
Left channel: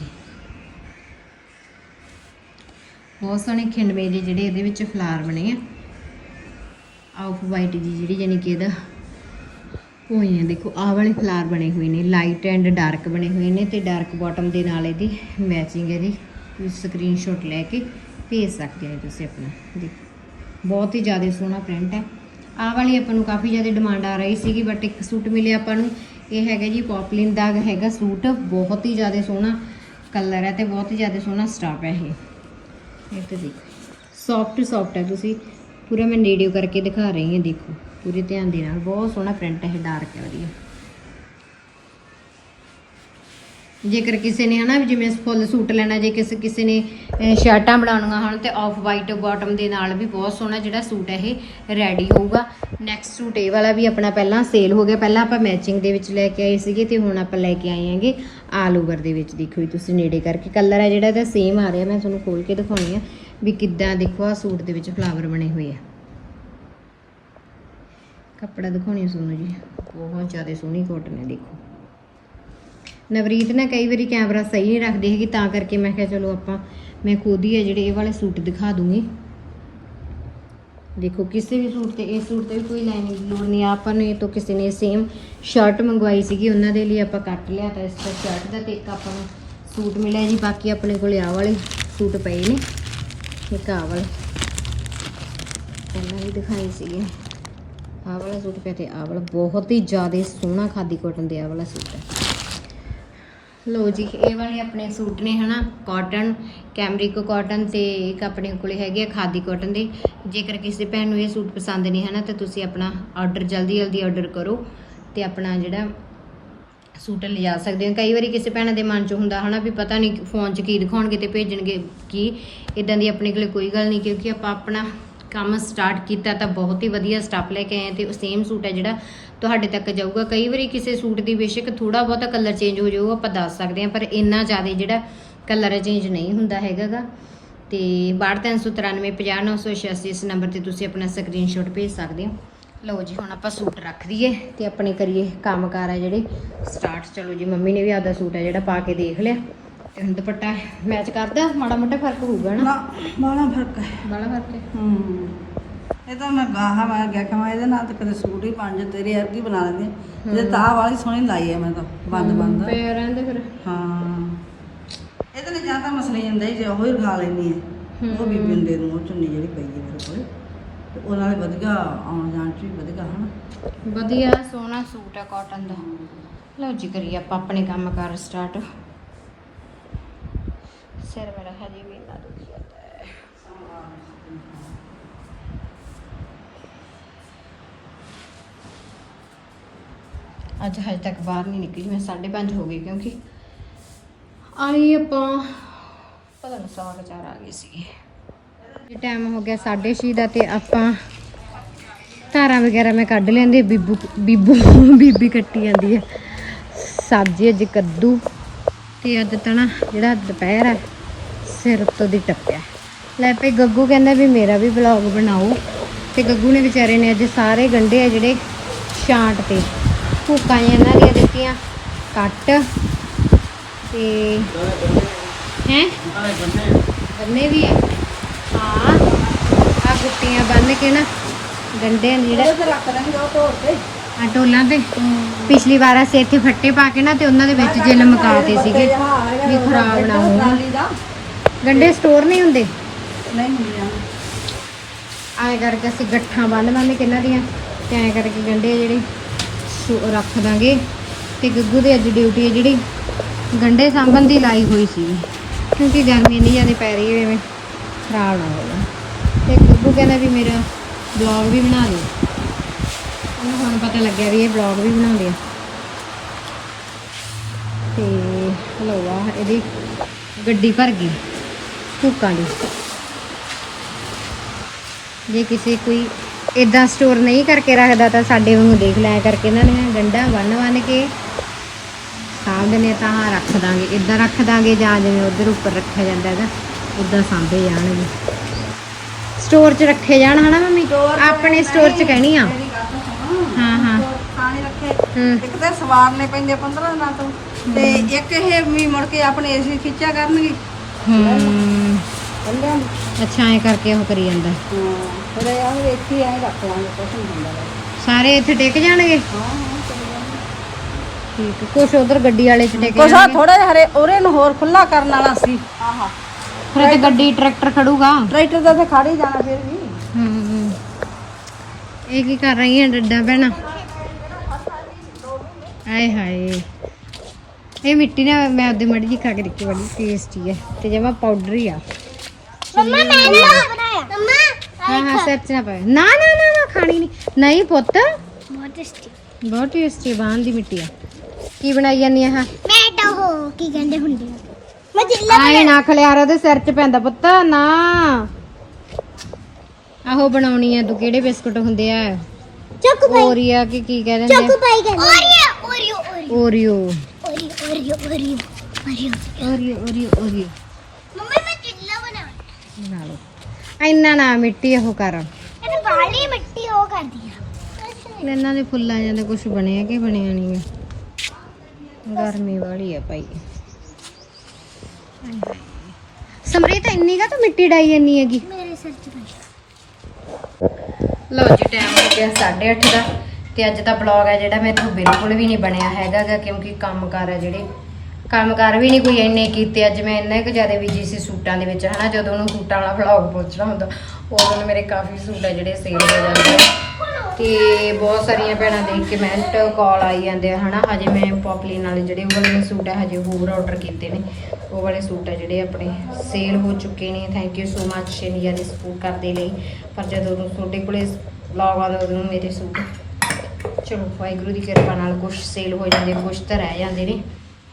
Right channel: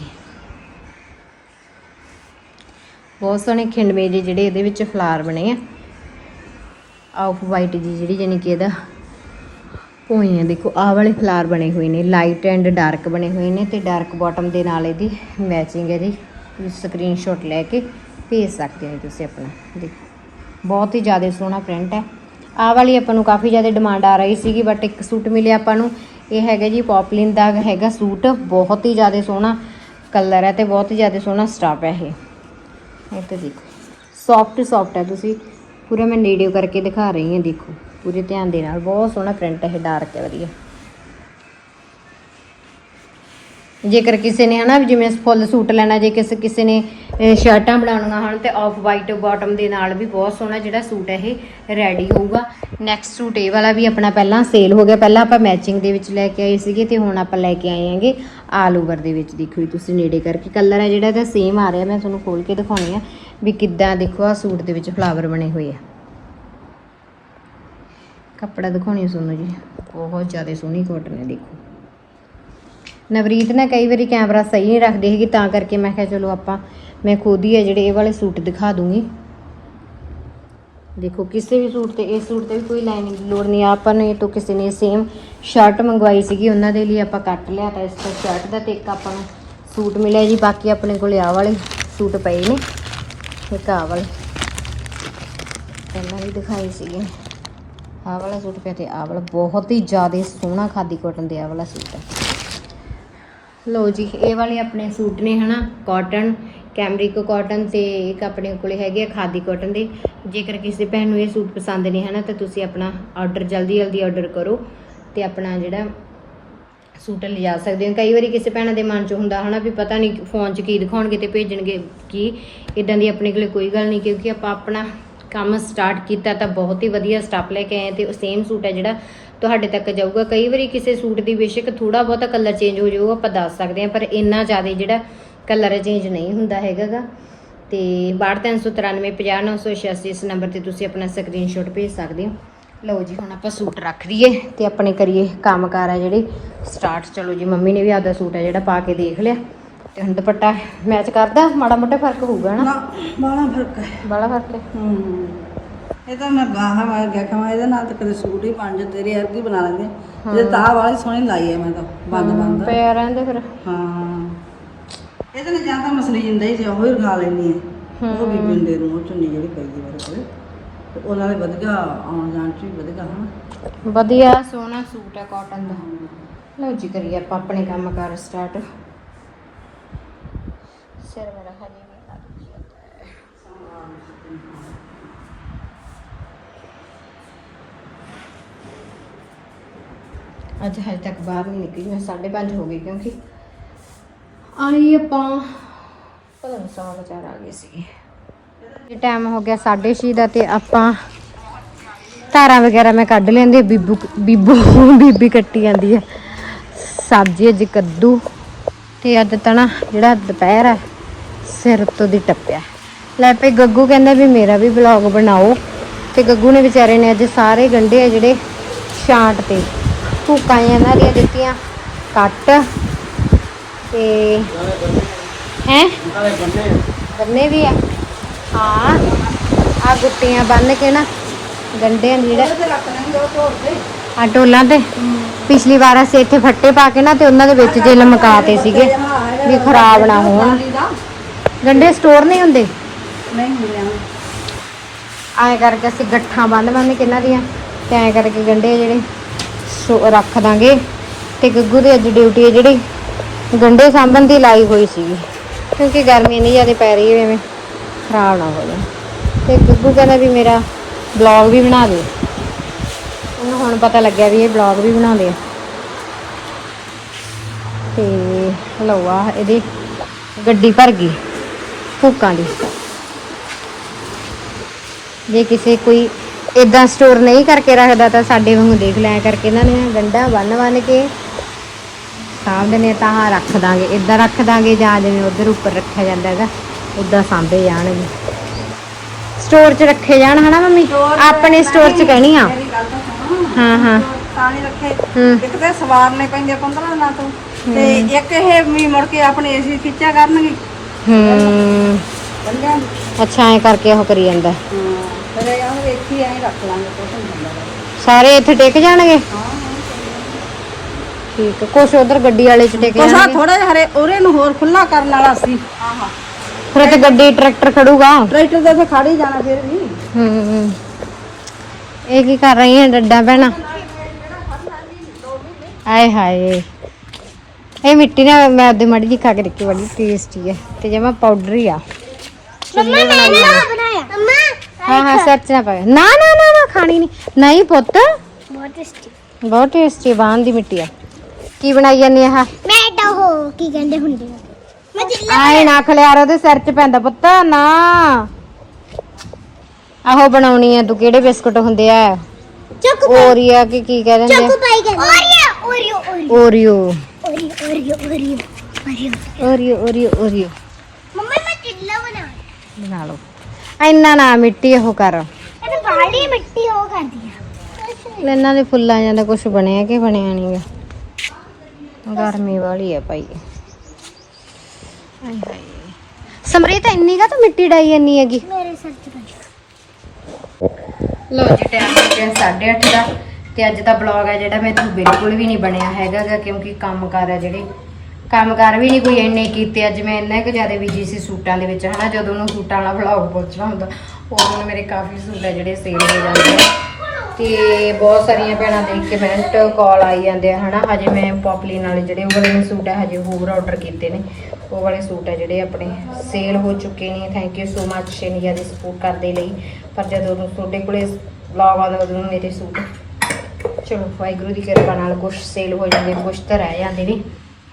A: ਬਹੁਤ ਸੋਹਣੇ ਖਿੰਡਵੇਂ ਜਿਹੇ ਜਿਹੜੇ ਇਹਦੇ ਵਿੱਚ ਫਲਾਰ ਬਣੇ ਆ। ਆਫ ਵਾਈਟ ਜੀ ਜਿਹੜੀ ਜਾਨੀ ਕਿ ਇਹਦਾ ਹੋਈ ਆ। ਦੇਖੋ, ਆਹ ਵਾਲੇ ਫਲਾਰ ਬਣੇ ਹੋਏ ਨੇ ਲਾਈਟ ਐਂਡ ਡਾਰਕ ਬਣੇ ਹੋਏ ਨੇ ਤੇ ਡਾਰਕ ਬਾਟਮ ਦੇ ਨਾਲ ਇਹਦੀ ਮੈਚਿੰਗ ਹੈ ਜੀ। ਤੁਸੀਂ ਸਕਰੀਨਸ਼ਾਟ ਲੈ ਕੇ ਭੇਜ ਸਕਦੇ ਹੋ ਤੁਸੀਂ ਆਪਣਾ। ਦੇਖੋ, ਬਹੁਤ ਹੀ ਜ਼ਿਆਦਾ ਸੋਹਣਾ ਪ੍ਰਿੰਟ ਹੈ। ਆਹ ਵਾਲੀ ਆਪਾਂ ਨੂੰ ਕਾਫੀ ਜ਼ਿਆਦਾ ਡਿਮਾਂਡ ਆ ਰਹੀ ਸੀਗੀ ਬਟ ਇੱਕ ਸੂਟ ਮਿਲਿਆ ਆਪਾਂ ਨੂੰ। ਇਹ ਹੈਗਾ ਜੀ ਪੌਪਲਿਨ ਦਾ ਹੈਗਾ ਸੂਟ ਬਹੁਤ ਹੀ ਜ਼ਿਆਦਾ ਸੋਹਣਾ ਕਲਰ ਹੈ ਤੇ ਬਹੁਤ ਹੀ ਜ਼ਿਆਦਾ ਸੋਹਣਾ ਸਟਾਫ ਹੈ ਇਹ। ਇਹ ਤੇ ਦੇਖੋ ਸੌਫਟ ਸੌਫਟ ਹੈ ਤੁਸੀਂ। ਪੂਰਾ ਮੈਂ ਨੇੜਿਓ ਕਰਕੇ ਦਿਖਾ ਰਹੀ ਹਾਂ, ਦੇਖੋ। ਪੂਰੇ ਧਿਆਨ ਦੇ ਨਾਲ। ਬਹੁਤ ਸੋਹਣਾ ਪ੍ਰਿੰਟ ਹੈ ਡਾਰਕ ਹੈ, ਵਧੀਆ। ਜੇਕਰ ਕਿਸੇ ਨੇ ਹਨਾ ਵੀ ਜਿਵੇਂ ਫੁੱਲ ਸੂਟ ਲੈਣਾ, ਜੇ ਕਿਸੇ ਕਿਸੇ ਨੇ ਸ਼ਰਟਾਂ ਬਣਾਉਣੀਆਂ ਹੋਣ ਤੇ ਆਫ ਵਾਈਟ ਬਾਟਮ ਦੇ ਨਾਲ ਵੀ ਬਹੁਤ ਸੋਹਣਾ ਜਿਹੜਾ ਸੂਟ ਹੈ ਇਹ ਰੈਡੀ ਹੋਊਗਾ। ਨੈਕਸਟ ਸੂਟ ਇਹ ਵਾਲਾ ਵੀ ਆਪਣਾ ਪਹਿਲਾਂ ਸੇਲ ਹੋ ਗਿਆ। ਪਹਿਲਾਂ ਆਪਾਂ ਮੈਚਿੰਗ ਦੇ ਵਿੱਚ ਲੈ ਕੇ ਆਏ ਸੀਗੇ ਤੇ ਹੁਣ ਆਪਾਂ ਲੈ ਕੇ ਆਏ ਆਂਗੇ ਆਲ ਓਵਰ ਦੇ ਵਿੱਚ। ਦੇਖੋ ਜੀ, ਤੁਸੀਂ ਨੇੜੇ ਕਰਕੇ ਕਲਰ ਹੈ ਜਿਹੜਾ, ਇਹਦਾ ਸੇਮ ਆ ਰਿਹਾ। ਮੈਂ ਤੁਹਾਨੂੰ ਖੋਲ ਕੇ ਦਿਖਾਉਣੀ ਆ ਵੀ ਕਿੱਦਾਂ ਦੇਖੋ ਆ ਸੂਟ ਦੇ ਵਿੱਚ ਫਲਾਵਰ ਬਣੇ ਹੋਏ ਆ। ਕੱਪੜਾ ਦਿਖਾਉਣੀ ਸੁਣੋ ਜੀ। ਬਹੁਤ ਜ਼ਿਆਦਾ ਸੋਹਣੀ ਕਾਟਨ ਹੈ, ਦੇਖੋ। ਨਵਰੀਤ ਨਾ ਕਈ ਵਾਰੀ ਕੈਮਰਾ ਸਹੀ ਨਹੀਂ ਰੱਖਦੀ ਹੈਗੀ, ਤਾਂ ਕਰਕੇ ਮੈਂ ਕਿਹਾ ਚਲੋ ਆਪਾਂ, ਮੈਂ ਖੁਦ ਹੀ ਆ ਜਿਹੜੇ ਇਹ ਵਾਲੇ ਸੂਟ ਦਿਖਾ ਦੂੰਗੀ। ਦੇਖੋ, ਕਿਸੇ ਵੀ ਸੂਟ ਤੇ, ਇਸ ਸੂਟ ਤੇ ਵੀ ਕੋਈ ਲਾਈਨਿੰਗ ਦੀ ਲੋੜ ਨਹੀਂ। ਆਪਾਂ ਨੇ ਤੋਂ ਕਿਸੇ ਨੇ ਸੇਮ ਸ਼ਰਟ ਮੰਗਵਾਈ ਸੀਗੀ, ਉਹਨਾਂ ਦੇ ਲਈ ਆਪਾਂ ਕੱਟ ਲਿਆ ਤਾਂ ਇਸ ਦਾ ਸ਼ਰਟ ਦਾ ਤੇ ਇੱਕ ਆਪਾਂ ਨੂੰ ਸੂਟ ਮਿਲਿਆ ਜੀ, ਬਾਕੀ ਆਪਣੇ ਕੋਲ ਆਹ ਵਾਲੇ ਸੂਟ ਪਏ ਨੇ। ਇੱਕ ਆਹ ਵਾਲੇ। ਪਹਿਲਾਂ ਵੀ ਦਿਖਾਏ ਸੀਗੇ। ਆਹ ਵਾਲਾ ਸੂਟ ਪਿਆ ਤੇ ਆ ਵਾਲਾ ਬਹੁਤ ਹੀ ਜ਼ਿਆਦਾ ਸੋਹਣਾ ਖਾਦੀ ਕੋਟਨ ਦੇ ਆਹ ਵਾਲਾ ਸੂਟ ਹੈ ਲਓ ਜੀ, ਇਹ ਵਾਲੇ ਆਪਣੇ ਸੂਟ ਨੇ ਹਨਾ ਕਾਟਨ ਕੈਮਰਿਕ ਕਾਟਨ ਤੇ ਇੱਕ ਆਪਣੇ ਕੋਲੇ ਹੈਗੇ ਆ ਖਾਦੀ ਕਾਟਨ ਦੇ। ਜੇਕਰ ਕਿਸੇ ਭੈਣ ਨੂੰ ਇਹ ਸੂਟ ਪਸੰਦ ਨੇ ਹਨਾ, ਤਾਂ ਤੁਸੀਂ ਆਪਣਾ ਆਰਡਰ ਜਲਦੀ ਜਲਦੀ ਆਰਡਰ ਕਰੋ ਤੇ ਆਪਣਾ ਜਿਹੜਾ ਸੂਟ ਲਿਜਾ ਸਕਦੇ ਹੋ। ਕਈ ਵਾਰੀ ਕਿਸੇ ਭੈਣਾਂ ਦੇ ਮਨ 'ਚ ਹੁੰਦਾ ਹਨਾ ਵੀ ਪਤਾ ਨਹੀਂ ਫੋਨ 'ਚ ਕੀ ਦਿਖਾਉਣਗੇ ਤੇ ਭੇਜਣਗੇ ਕੀ। ਇਦਾਂ ਦੀ ਆਪਣੇ ਕੋਲੇ ਕੋਈ ਗੱਲ ਨਹੀਂ, ਕਿਉਂਕਿ ਆਪਾਂ ਆਪਣਾ ਕੰਮ ਸਟਾਰਟ ਕੀਤਾ ਤਾਂ ਬਹੁਤ ਹੀ ਵਧੀਆ ਸਟਾਫ ਲੈ ਕੇ ਆਏ ਤੇ ਉਹ ਸੇਮ ਸੂਟ ਹੈ ਜਿਹੜਾ ਤੁਹਾਡੇ ਤੱਕ ਜਾਊਗਾ। ਕਈ ਵਾਰੀ ਕਿਸੇ ਸੂਟ ਦੀ ਬੇਸ਼ੱਕ ਥੋੜਾ ਬਹੁਤਾ ਕਲਰ ਚੇਂਜ ਹੋ ਜਾਊ ਉਹ ਆਪਾਂ ਦੱਸ ਸਕਦੇ ਹਾਂ ਪਰ ਇੰਨਾ ਜ਼ਿਆਦਾ ਜਿਹੜਾ ਕਲਰ ਚੇਂਜ ਨਹੀਂ ਹੁੰਦਾ ਹੈਗਾਗਾ। ਤੇ 6239950986 ਇਸ ਨੰਬਰ ਤੇ ਤੁਸੀਂ ਆਪਣਾ ਸਕਰੀਨਸ਼ਾਟ ਭੇਜ ਸਕਦੇ ਹੋ। ਲਓ ਜੀ ਹੁਣ ਆਪਾਂ ਸੂਟ ਰੱਖ ਦਈਏ ਤੇ ਆਪਣੇ ਕਰੀਏ ਕੰਮਕਾਰ ਆ ਜਿਹੜੇ। ਸਟਾਰਟ ਚਲੋ ਜੀ ਮੰਮੀ ਨੇ ਵੀ ਆਪਦਾ ਸੂਟ ਹੈ ਜਿਹੜਾ ਪਾ ਕੇ ਦੇਖ ਲਿਆ। ਤੇ ਹੁਣ ਦੁਪੱਟਾ ਮੈਚ ਕਰਦਾ? ਮਾੜਾ ਮੋਟਾ ਫ਼ਰਕ ਹੋਊਗਾ ਨਾ?
C: ਬਾਲਾ ਫ਼ਰਕ ਹੈ।
A: ਬੜਾ ਫ਼ਰਕ ਹੈ
C: ਹੂੰ। ਇਹ ਤਾਂ ਮੈਂ ਬਾਹਾਂ ਵਾਰ ਗਿਆ ਇਹਦੇ ਨਾਲ ਤੇ ਕਦੇ ਸੂਟ ਹੀ ਬਣ ਜਾ ਤੇਰੇ ਅੱਗੇ ਬਣਾ ਲਾਂਗੇ। ਇਹ ਤਾਂ ਵਾਲੀ ਸੋਹਣੀ ਲਾਈ ਹੈ ਮੈਂ ਤਾਂ ਬੰਦ ਬੰਦ।
A: ਪਿਆ ਰਹਿੰਦੇ ਫਿਰ।
C: ਹਾਂ। ਇਹਦੇ ਨਾਲ ਜਾਂ ਤਾਂ ਮਸਲੇ ਹੁੰਦਾ ਹੀ ਜੇ ਉਹ ਹੀ ਰਖਾ ਲੈਣੀ ਹੈ। ਉਹ ਵੀ ਬਿੰਦੇ ਨੂੰ ਉਹ ਚੁੰਨੀ ਜਿਹੜੀ ਪਈ ਹੈ ਮੇਰੇ ਕੋਲ। ਤੇ ਉਹਨਾਂ ਦੇ ਵਧੀਆ ਆਉਣ ਜਾਣ ਚ ਵੀ ਵਧੀਆ ਹਨ
A: ਵਧੀਆ ਸੋਹਣਾ ਸੂਟ ਹੈ ਕਾਟਨ ਦਾ। ਲਓ ਜੀ ਕਰੀਏ ਆਪਾਂ ਆਪਣੇ ਕੰਮ ਕਰ ਸਟਾਰਟ ਸਿਰ ਮੇਰਾ ਹਜੇ ਵੀ ਨਾ ਦੁਖੀ ਜਾਂਦਾ ਹੈ ਅੱਜ ਹਜੇ ਤੱਕ ਬਾਹਰ ਨਹੀਂ ਨਿਕਲੀ, ਮੈਂ 5:30 ਹੋ ਗਈ ਕਿਉਂਕਿ ਆਈ ਆਪਾਂ, ਪਤਾ ਨਹੀਂ ਸਵਾ ਕੁ ਚਾਰ ਆ ਗਏ ਸੀ। ਇਹ ਟਾਈਮ ਹੋ ਗਿਆ 6:30 ਦਾ ਤੇ ਆਪਾਂ ਧਾਰਾਂ ਵਗੈਰਾ ਮੈਂ ਕੱਢ ਲੈਂਦੀ ਬੀਬੂ ਬੀਬੂ, ਬੀਬੀ ਕੱਟੀ ਜਾਂਦੀ ਹੈ। ਸਬਜ਼ੀ ਅੱਜ ਕੱਦੂ ਤੇ ਅੱਜ ਤਣਾ ਜਿਹੜਾ ਦੁਪਹਿਰ ਹੈ, ਸਿਰ ਤੋਂ ਦੀ ਟੱਪਿਆ। ਲੈ ਪਈ ਗੱਗੂ ਕਹਿੰਦਾ ਵੀ ਮੇਰਾ ਵੀ ਵਲੌਗ ਬਣਾਓ ਤੇ ਗੱਗੂ ਨੇ ਵਿਚਾਰੇ ਨੇ ਅੱਜ ਸਾਰੇ ਗੰਢੇ ਆ ਜਿਹੜੇ ਛਾਂਟ ਤੇ। ਭੂਕਾਂ ਇਹਨਾਂ ਦੀਆਂ ਦਿੱਤੀਆਂ, ਕੱਟ ਤੇ ਹੈ? ਗੰਨੇ ਵੀ ਆ। ਹਾਂ ਆ ਗੁੱਟੀਆਂ ਬੰਨ ਕੇ ਨਾ ਗੰਢੇ ਨੀਰੇ ਆ ਟੋਲਾਂ ਤੇ ਪਿਛਲੀ ਵਾਰ ਅਸੀਂ ਇੱਥੇ ਫੱਟੇ ਪਾ ਕੇ ਨਾ ਤੇ ਉਹਨਾਂ ਦੇ ਵਿੱਚ ਜੇ ਲਮਕਾਤੇ ਸੀਗੇ ਵੀ ਖਰਾਬ ਨਾ ਹੋਣ। ਗੰਡੇ ਸਟੋਰ ਨਹੀਂ ਹੁੰਦੇ।
C: ਨਹੀਂ ਹੁੰਦੀਆਂ
A: ਕਰਕੇ ਅਸੀਂ ਗੱਠਾਂ ਬੰਨ ਬੰਨ ਕੇ ਦੀਆਂ ਤੇ ਐਂ ਕਰਕੇ ਗੰਢੇ ਜਿਹੜੇ ਸੋ- ਰੱਖ ਦਾਂਗੇ। ਤੇ ਗੱਗੂ ਦੀ ਅੱਜ ਡਿਊਟੀ ਹੈ ਜਿਹੜੀ। ਗੰਢੇ ਸਾਂਭਣ ਦੀ ਲਾਈ ਹੋਈ ਸੀ ਕਿਉਂਕਿ ਗਰਮੀ ਇੰਨੀ ਜ਼ਿਆਦਾ ਪੈ ਰਹੀ ਐਵੇਂ ਖਰਾਬ ਨਾ ਹੋ ਜਾਵੇ ਤੇ ਗੱਗੂ ਕਹਿੰਦਾ ਵੀ ਮੇਰਾ ਬਲੌਗ ਵੀ ਬਣਾ ਦੇ। ਉਹਨੂੰ ਹੁਣ ਪਤਾ ਲੱਗਿਆ ਵੀ ਇਹ ਬਲੌਗ ਵੀ ਬਣਾਉਂਦੇ ਆ ਤੇ ਲਓ ਆ ਇਹਦੀ ਗੱਡੀ ਭਰ ਗਈ। ਭੁੱਕਾਂ ਦੀ। ਜੇ ਕਿਸੇ ਕੋਈ ਇਦਾਂ ਸਟੋਰ ਨਹੀਂ ਕਰਕੇ ਰੱਖਦਾ ਤਾਂ ਸਾਡੇ ਨੂੰ ਦੇਖ ਲਿਆ ਕਰਕੇ ਇਹਨਾਂ ਨੇ ਗੰਡਾ ਬੰਨ ਬੰਨ ਕੇ ਸਾਂਭਦੇ ਨੇ ਤਾਂ ਰੱਖ ਦਾਂਗੇ ਇਦਾਂ ਰੱਖ ਦਾਂਗੇ ਜਾਂ ਜਿਵੇਂ ਉਧਰ ਉੱਪਰ ਰੱਖਿਆ ਜਾਂਦਾ ਹੈਗਾ ਇਦਾਂ ਸਾਂਭੇ ਜਾਣਗੇ ਸਟੋਰ 'ਚ ਰੱਖੇ ਜਾਣ ਹਨਾ ਮੰਮੀ? ਆਪਣੇ ਸਟੋਰ 'ਚ ਕਹਿਣੀ ਆ। ਹਾਂ ਹਾਂ।
C: ਪਾਣੀ ਰੱਖੇ। ਇੱਕ ਤੇ ਸਵਾਰਨੇ ਪੈਂਦੇ 15 ਦਿਨਾਂ ਤੋਂ ਤੇ ਇੱਕ ਇਹ ਵੀ ਮੁੜ ਕੇ ਆਪਣੇ ਏਸੀ ਖਿੱਚਿਆ ਕਰਨਗੇ।
A: ਹੂੰ। ਅੱਛਾ ਐ ਕਰਕੇ ਉਹ ਕਰੀ ਜਾਂਦਾ
C: ਹਾਂ ਫਿਰ ਇਹਨੂੰ ਇੱਥੇ ਹੀ ਐਂ ਰੱਖ ਲਾਂਗੇ ਕੁਛ ਨੀ।
A: ਸਾਰੇ ਇੱਥੇ ਟਿਕ ਜਾਣਗੇ? ਠੀਕ ਹੈ ਕੁਛ ਉਧਰ ਗੱਡੀ ਵਾਲੇ 'ਚ ਟਿਕ
C: ਕੁਛ ਆ
A: ਜਾਣਗੇ।
C: ਥੋੜੇ ਹਰੇ ਉਹਰੇ ਨੂੰ ਹੋਰ ਖੁੱਲਾ ਕਰਨ ਵਾਲਾ ਸੀ।
A: ਫਿਰ ਤੇ ਗੱਡੀ ਟਰੈਕਟਰ ਖੜੂਗਾ?
C: ਟਰੈਕਟਰ ਦੇ ਤੇ ਖੜ ਹੀ ਜਾਣਾ ਫਿਰ ਵੀ।
A: ਹੂੰ ਇਹ ਕੀ ਕਰ ਰਹੀ ਹੈ ਡੱਡਾ ਭੈਣਾ? ਆਏ ਹਾਏ। ਇਹ ਮਿੱਟੀ ਨਾਲ ਮੈਂ ਉਹਦੇ ਮੜੀ ਜੀ ਖਾ ਕੇ ਦੇਖੀ ਬੜੀ ਟੇਸਟੀ ਹੈ ਤੇ ਜਮਾ ਪਾਊਡਰ ਹੀ ਆ। ਮੰਮਾ ਮੈਂ ਨਾ ਬਣਾਇਆ ਮੰਮਾ ਹਾਂ ਹਾਂ ਸੱਚ ਨਾ ਪਾਇਆ ਨਾ ਨਾ ਨਾ ਨਾ ਖਾਣੀ ਨਹੀਂ ਨਹੀਂ ਪੁੱਤ।
D: ਬਹੁਤ ਟੇਸਟੀ
A: ਬਹੁਤ ਟੇਸਟੀ ਬਾਹਨ ਦੀ ਮਿੱਟੀ ਆ। ਕੀ ਬਣਾਈ ਜਾਂਦੀ ਆ ਆਹ?
D: ਮੈਂ ਤਾਂ ਉਹ ਕੀ ਕਹਿੰਦੇ ਹੁੰਦੇ ਆ? ਮੈਂ ਜਿੱਲਾ
A: ਆਏ ਨਾ ਖਲਿਆਰ ਉਹਦੇ ਸਿਰ 'ਚ ਪੈਂਦਾ ਪੁੱਤ ਨਾ। ਆਹੋ ਬਣਾਉਣੀ ਆ ਤੂੰ ਕਿਹੜੇ ਬਿਸਕੁਟ ਹੁੰਦੇ ਆ?
D: ਚੋਕੋ
A: ਓਰੀਆ ਕਿ ਕੀ ਕਹਿ ਦਿੰਦੇ
D: ਚੋਕੋ ਪਾਈ ਕਹਿੰਦੇ। Oreo Oreo
A: Oreo.
D: Oreo. Oreo Oreo Oreo
A: Oreo. Oreo Oreo
D: mummy ਮੈਂ ਜਿੱਲਾ ਬਣਾ
A: ਬਣਾ ਲਓ। ਇੰਨਾ ਨਾ ਮਿੱਟੀ ਉਹ ਕਰ।
D: ਇਹ ਤਾਂ ਬਾਲੀ ਮਿੱਟੀ ਹੋ ਕਰਦੀ ਆ।
A: ਇਹਨਾਂ ਦੇ ਫੁੱਲਾਂ ਜਾਂਦਾ ਕੁਝ ਬਣਿਆ ਕਿ ਬਣਿਆ ਨਹੀਂਗਾ ਗਰਮੀ ਵਾਲੀ ਹੈ ਭਾਈ। ਸਮਰੀਤ ਇੰਨੀ ਕਾ ਤਾਂ ਮਿੱਟੀ ਡਾਈ ਇੰਨੀ ਹੈਗੀ?
D: ਮੇਰੇ ਸਿਰ 'ਚ ਪਈ।
A: ਲੋ ਜੀ ਟਾਈਮ ਹੋ ਗਿਆ 8:30 ਦਾ। ਤੇ ਅੱਜ ਦਾ ਬਲੌਗ ਹੈ ਜਿਹੜਾ ਮੇਰੇ ਤੋਂ ਬਿਲਕੁਲ ਵੀ ਨਹੀਂ ਬਣਿਆ ਹੈਗਾ ਕਿਉਂਕਿ ਕੰਮਕਾਰ ਹੈ ਜਿਹੜੇ। ਕੰਮਕਾਰ ਵੀ ਨਹੀਂ ਕੋਈ ਇੰਨੇ ਕੀਤੇ, ਅੱਜ ਮੈਂ ਇੰਨਾ ਕੁ ਜ਼ਿਆਦਾ ਬਿਜ਼ੀ ਸੀ ਸੂਟਾਂ ਦੇ ਵਿੱਚ, ਹਨਾ, ਜਦੋਂ ਉਹਨੂੰ ਸੂਟਾਂ ਵਾਲਾ ਬਲੌਗ ਪਹੁੰਚਣਾ ਹੁੰਦਾ, ਉਹ ਮੇਰੇ ਕਾਫੀ ਸੂਟ ਹੈ ਜਿਹੜੇ ਸੇਲ ਹੋ ਜਾਂਦੇ ਆ। ਤੇ ਬਹੁਤ ਸਾਰੀਆਂ ਭੈਣਾਂ ਦੇਖ ਕੇ ਮਿੰਟ ਕਾਲ ਆਈ ਜਾਂਦੇ ਆ, ਹਨਾ, ਹਜੇ ਮੈਂ ਪੌਪਲੀ ਨਾਲ ਜਿਹੜੇ ਉਹ ਵਾਲੇ ਸੂਟ ਹੈ ਹਜੇ ਹੋਰ ਆਰਡਰ ਕੀਤੇ ਨੇ। ਉਹ ਵਾਲੇ ਸੂਟ ਹੈ ਜਿਹੜੇ ਆਪਣੇ ਸੇਲ ਹੋ ਚੁੱਕੇ ਨੇ thank you so much India the support ਕਰਦੇ ਲਈ। ਪਰ ਜਦੋਂ ਤੁਹਾਡੇ ਕੋਲੇ ਵਲੌਗ ਆਦਾ ਉਦੋਂ ਮੇਰੇ ਸੂਟ, ਚਲੋ, ਵਾਹਿਗੁਰੂ ਦੀ ਕਿਰਪਾ ਨਾਲ ਕੁਝ ਸੇਲ ਹੋ ਜਾਂਦੇ ਨੇ ਕੁਝ ਤਾਂ ਰਹਿ ਜਾਂਦੇ ਨੇ।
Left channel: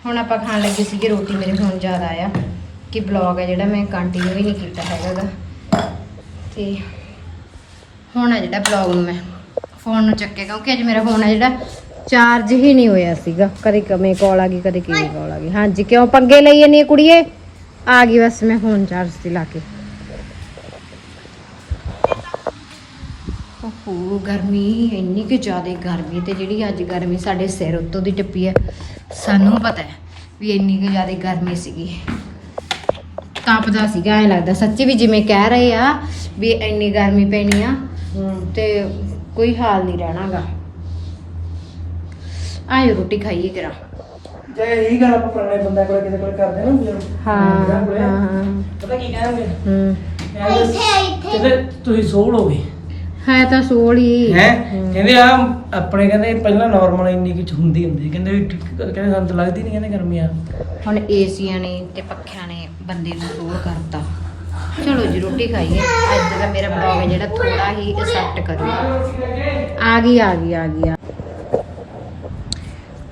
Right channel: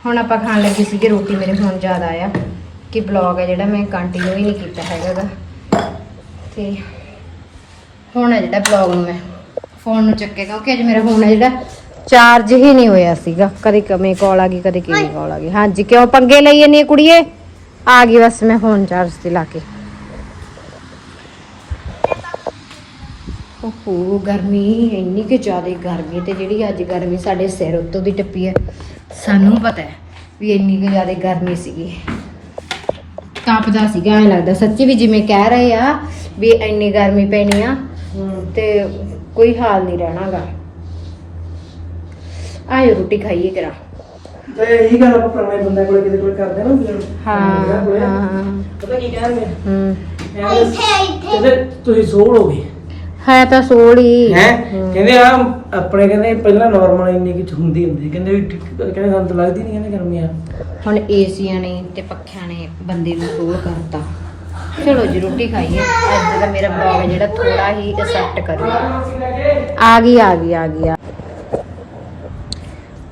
A: ਹੁਣ ਆਪਾਂ ਖਾਣ ਲੱਗੇ ਸੀਗੇ ਰੋਟੀ ਮੇਰੇ ਹੁਣ ਯਾਦ ਆਇਆ ਕਿ ਬਲੌਗ ਹੈ ਜਿਹੜਾ ਮੈਂ ਕੰਟੀਨਿਊ ਹੀ ਨਹੀਂ ਕੀਤਾ ਹੈਗਾ ਗਾ ਤੇ ਹੁਣ ਹੈ ਜਿਹੜਾ ਬਲੌਗ ਨੂੰ ਮੈਂ ਫੋਨ ਨੂੰ ਚੱਕੇ ਕਿਉਂਕਿ ਅੱਜ ਮੇਰਾ ਫੋਨ ਹੈ ਜਿਹੜਾ ਚਾਰਜ ਹੀ ਨਹੀਂ ਹੋਇਆ ਸੀਗਾ। ਕਦੇ ਕਮੇ ਕਾਲ ਆ ਗਈ ਕਦੇ ਕਿਵੇਂ ਕਾਲ ਆ ਗਈ। ਹਾਂਜੀ ਕਿਉਂ ਪੰਗੇ ਲਈ ਜੰਨੀ ਕੁੜੀਏ? ਆ ਗਈ ਬਸ ਮੈਂ ਫੋਨ ਚਾਰਜ ਤੇ ਲਾ ਕੇ। ਓਹੋ ਗਰਮੀ ਇੰਨੀ ਕਿ ਜ਼ਿਆਦਾ ਗਰਮੀ ਤੇ ਜਿਹੜੀ ਅੱਜ ਗਰਮੀ ਸਾਡੇ ਸਿਰ ਉੱਤੋਂ ਦੀ ਟੱਪੀ ਹੈ। ਸਾਨੂੰ ਪਤਾ ਹੈ ਵੀ ਇੰਨੀ ਕਿ ਜ਼ਿਆਦਾ ਗਰਮੀ ਸੀਗੀ। ਤਪਦਾ ਸੀਗਾ ਐ ਲੱਗਦਾ। ਸੱਚੀ ਵੀ ਜਿਵੇਂ ਕਹਿ ਰਹੇ ਆ ਵੀ ਇੰਨੀ ਗਰਮੀ ਪੈਣੀ ਆ ਤੇ ਕੋਈ ਹਾਲ ਨਹੀਂ ਰਹਿਣਾਗਾ। ਆਇਓ ਰੋਟੀ ਖਾਈਏ ਜਰਾ।
B: ਤੇ ਇਹੀ ਗੱਲ ਆਪਾਂ ਪੁਰਾਣੇ ਬੰਦੇ ਕੋਲੇ ਕਿਤੇ ਕੋਲੇ ਕਰਦੇ ਨਾ
A: ਹਾਂ
B: ਪਤਾ ਕੀ ਕਹਿੰਦੇ
A: ਹੂੰ।
B: ਕਹਿੰਦੇ ਤੁਸੀਂ ਸੋਲ ਹੋ ਗਏ
A: ਹੈ ਤਾਂ ਸੋਲ ਹੀ।
B: ਕਹਿੰਦੇ ਆ ਆਪਣੇ ਕਹਿੰਦੇ ਪਹਿਲਾਂ ਨਾਰਮਲ ਇੰਨੀ ਕੁ ਹੁੰਦੀ ਹੁੰਦੀ ਕਹਿੰਦੇ ਵੀ ਠੀਕ- ਕਹਿੰਦੇ ਸਾਨੂੰ ਤਾਂ ਲੱਗਦੀ ਨਹੀਂ ਕਹਿੰਦੇ ਗਰਮੀ ਆ
A: ਹੁਣ ਏਸੀਆਂ ਨੇ ਤੇ ਪੱਖਿਆਂ ਨੇ ਬੰਦੇ ਨੂੰ ਸੋਲ ਕਰਤਾ। ਚਲੋ ਜੀ ਰੋਟੀ ਖਾਈਏ। ਅੱਜ ਦਾ ਮੇਰਾ ਬਲੌਗ ਹੈ ਜਿਹੜਾ ਥੋੜਾ ਹੀ ਅਸੈਪਟ ਕਰੂਗਾ ਆ ਗਈ ਆ ਗਈ ਆ ਗਈ ਆ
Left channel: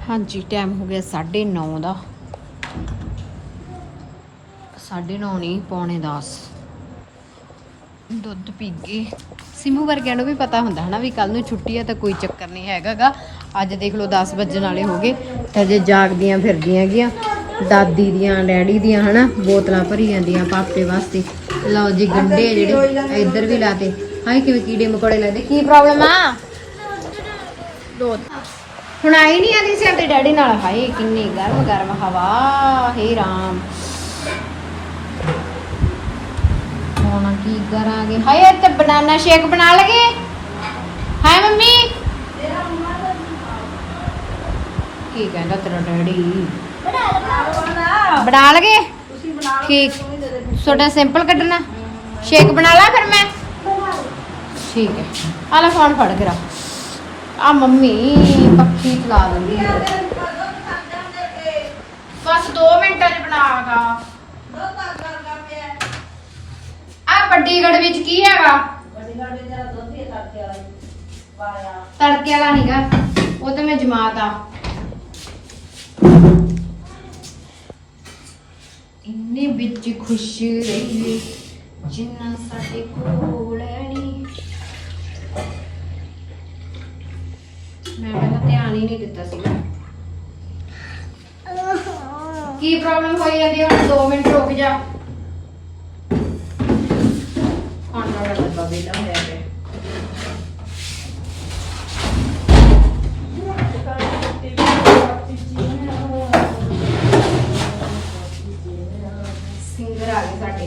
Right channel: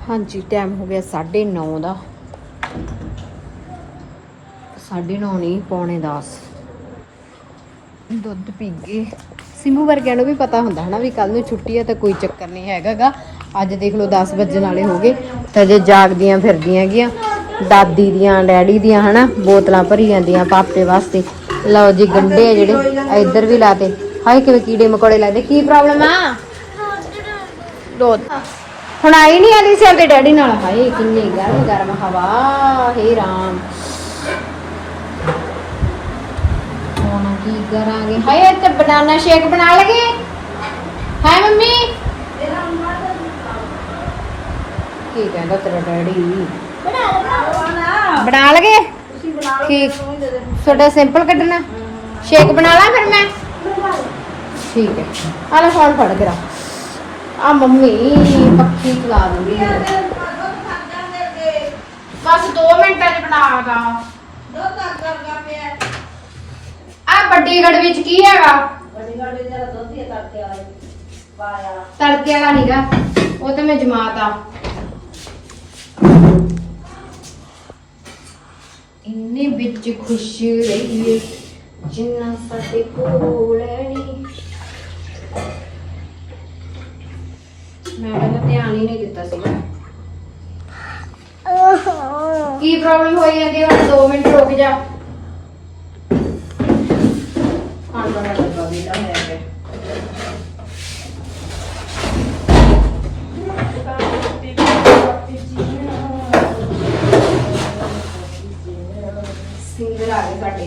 A: ਹਾਂਜੀ ਟਾਈਮ ਹੋ ਗਿਆ 9:30 ਦਾ। 9:30 ਨਹੀਂ ਪੌਣੇ 10 ਦੁੱਧ ਪੀ ਗਏ। ਸਿਮੂ ਵਰਗਿਆਂ ਨੂੰ ਵੀ ਪਤਾ ਹੁੰਦਾ ਹਨਾ ਵੀ ਕੱਲ ਨੂੰ ਛੁੱਟੀ ਹੈ ਤਾਂ ਕੋਈ ਚੱਕਰ ਨਹੀਂ ਹੈਗਾਗਾ। ਅੱਜ ਦੇਖ ਲਓ 10 ਵੱਜਣ ਵਾਲੇ ਹੋ ਗਏ। ਤਾਂ ਜੇ ਜਾਗਦੀਆਂ ਫਿਰਦੀਆਂ ਹੈਗੀਆਂ, ਦਾਦੀ ਦੀਆਂ, ਡੈਡੀ ਦੀਆਂ ਹਨਾ, ਬੋਤਲਾਂ ਭਰੀ ਜਾਂਦੀਆਂ ਪਾਪੇ ਵਾਸਤੇ। ਲਓ ਜੀ ਗੰਡੇ ਆ ਜਿਹੜੇ ਇੱਧਰ ਵੀ ਲਾਤੇ। ਹਾਏ, ਕਿਵੇਂ ਕੀੜੇ ਮਕੌੜੇ ਲੱਗਦੇ। ਕੀ ਪ੍ਰੋਬਲਮ ਆ? ਦੋ ਹੁਣ ਆਈ ਨਹੀਂ ਆਦੀ ਸੀ ਆਪਣੇ ਡੈਡੀ ਨਾਲ। ਹਾਏ, ਕਿੰਨੀ ਗਰਮ ਗਰਮ ਹਵਾ। ਹੇ ਰਾਮ। ਹੁਣ ਕੀ ਕਰਾਂਗੇ ਹਾਏ ਤੇ ਬਨਾਨਾ ਸ਼ੇਕ ਬਣਾ ਲਗੇ। ਹਾਏ, ਮੰਮੀ। ਕੀ ਕਹਿੰਦਾ ਤੇਰਾ ਡੈਡੀ? ਬਣਾ ਲਗੇ? ਠੀਕ। ਛੋਟਾ ਸਿੰਪਲ ਕੱਢਣਾ। ਸ਼ੇਕ ਬਣਾ ਲਾ ਫਿਰ ਮੈਂ। ਠੀਕ ਹੈ। ਆ ਲੈ, ਫੋਨ ਫੜ ਕਰਾ ਆ ਮੰਮੀ, ਪੱਖੀ ਚਲਾ ਦੂੰਗੀ ਬਸ 2 ਮਿੰਟਾਂ ਚ ਬਣਾਗਾ ਆ ਵੱਡੀ ਗੜ ਵਿੱਚ ਕੀ ਹੈਗਾ ਤੜਕੇ ਵਾਲਾ ਨੀਗਾ। ਉਹ ਤੇ ਮੈਂ ਜਮਾਤਾ ਇੰਨੇ ਵਿੱਚ ਖੁਸ਼ੀ ਰਹੀ ਜਿੰਨਾ ਸਾਡੇ ਕੋਲ ਨਹੀਂ ਮੈਂ ਪਹਿਲਾਂ ਧਿਆਨ ਹੀ ਨਹੀਂ ਦਿੱਤਾ ਸੀਗਾ। ਕੀ ਪ੍ਰੋਬਲਮ ਹੋਈ ਜਾਂਦੀ ਹੈ ਹੁਣ 2 ਮਿੰਟ ਰੁਕ ਜਾ। ਸਿੰਗਰ ਆ ਗਏ ਸਾਡੇ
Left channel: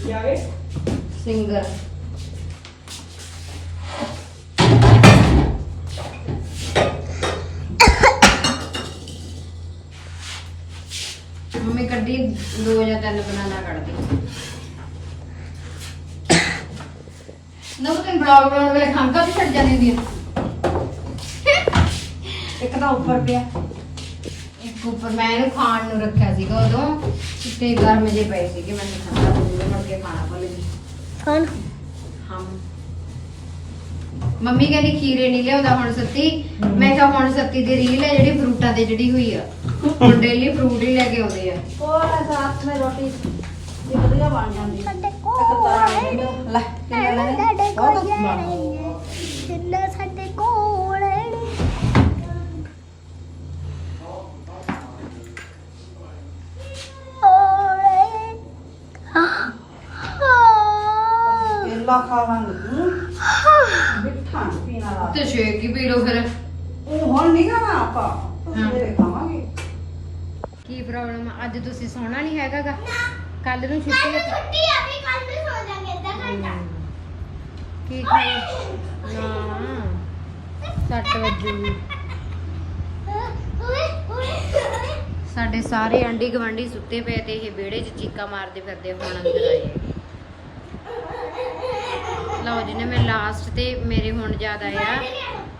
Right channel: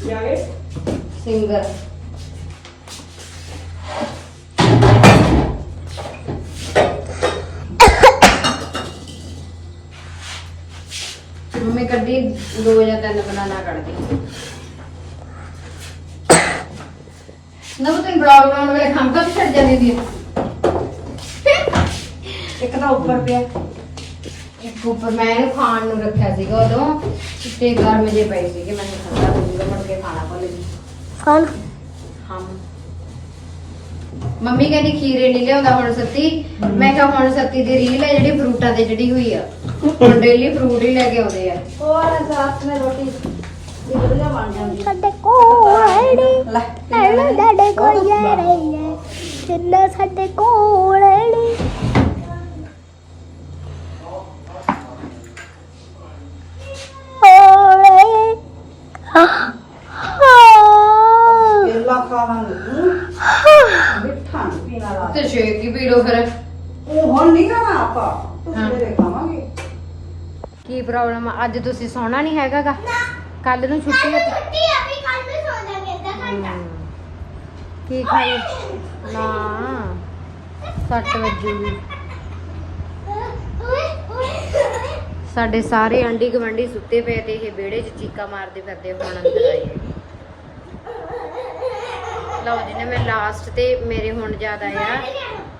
A: ਕੀ ਆ ਗਏ ਸਿੰਗਰ ਮੰਮੀ ਕੱਢੀ ਦੋ ਜਾਂ ਤਿੰਨ ਬਨਾਨਾ ਕੱਢਦੀ ਨਾ ਉਹ ਤੈਨੂੰ ਬਲੌਗ ਬਣਾਉਣ ਵੇਲੇ ਖੰਭਾ ਵੀ ਛੱਡ ਜਾਂਦੀ ਹੁੰਦੀ ਹੈ ਇੱਕ ਤਾਂ ਉੱਪਰ ਪਿਆ ਇੱਕ ਉੱਪਰ ਮੈਂ ਇਹਨੂੰ ਖਾਣ ਨੂੰ ਰੱਖਿਆ ਸੀਗਾ ਉਦੋਂ ਤੇ ਗਰਮ ਜੇ ਪਏ ਸੀਗੇ ਮੈਂ ਨਹੀਂ ਖਾਂਦਾ ਦੂਰ ਮੁੜ ਕੇ ਖਾਣਾ ਭੁੱਲ ਗਈ।
D: ਕੌਣ
A: ਹਾਂ। ਮੰਮੀ ਕਹਿੰਦੀ ਖੀਰੇ ਨਹੀਂ ਲਿਆਉਂਦਾ ਹੁਣ ਸੱਤੀ ਮੈਂ ਕਿਹਾ ਹੁਣ ਸੱਤੀ ਦੀ ਰੀਲ ਹੈ ਜਿਹੜੀ ਫਰੂਟਾਂ ਤੇ ਜਿਹੜੀ ਹੋਈ ਆ। ਹੁਣ ਡੇਲੀ ਫਰੂਟ ਹੀ ਲੈ ਕੇ ਆਉਂਦੇ ਆ।
D: ਸਾਡੇ ਕੋਲ ੜੇ ਐਵੇਂ ਸਾਡੇ ਕੋਲ ਯਾਰੇ ਜਿੰਨਾ ਸਾਡੇ ਕੋਲ ੜੇ ਓਏ ਹਾਂ ਹਾਂ
C: ਕੇਲਾ ਖਾਵਾਂਗੇ। ਮਿੱਠਾ ਨੀ ਪੀਣਾ ਲਾ
A: ਤੇ ਸ਼ੇਕ ਹੀ ਪੀ ਲਓ ਫਿਰ?
C: ਉਹ ਹੁਣ ਨਹੀਂ ਖਾਣਾ ਆਪਾਂ। ਸਵੇਰੇ ਖਾਵਾਂਗੇ।
A: ਕੀ ਪ੍ਰੋਬਲਮ ਆ? ਅੱਜ ਤੁਸੀਂ ਸੌਣਾ ਨਹੀਂ ਹੈਗਾਗਾ? ਕੱਲ ਨੂੰ ਛੁੱਟੀ ਹੈ
D: ਛੁੱਟੀ ਆ ਵੀ ਕੱਲ ਨੂੰ ਸੋ ਜਾਗੇ ਅੱਧਾ ਘੰਟਾ।
A: ਕੀ ਖਾਈ? ਨਾ। 60 ਵਜੇ। ਸਾਡੇ ਸਾਰੇ ਆਂਢੀ ਗਵੰਡੀ ਸੁੱਤੇ ਪਏ ਤੇ ਇਹ ਵਿਹੜੇ 'ਚ ਚੀਕਾ ਮਾਰਦੇ ਫਿਰਦੇ ਹੁਣ ਅੰਦਰ ਆਏ ਲਓ ਜੀ ਨੇ ਮੈਂ ਲਾਸਟ ਤੇ ਮੇਰੇ ਹੁਣ ਯਾਦ ਆਇਆ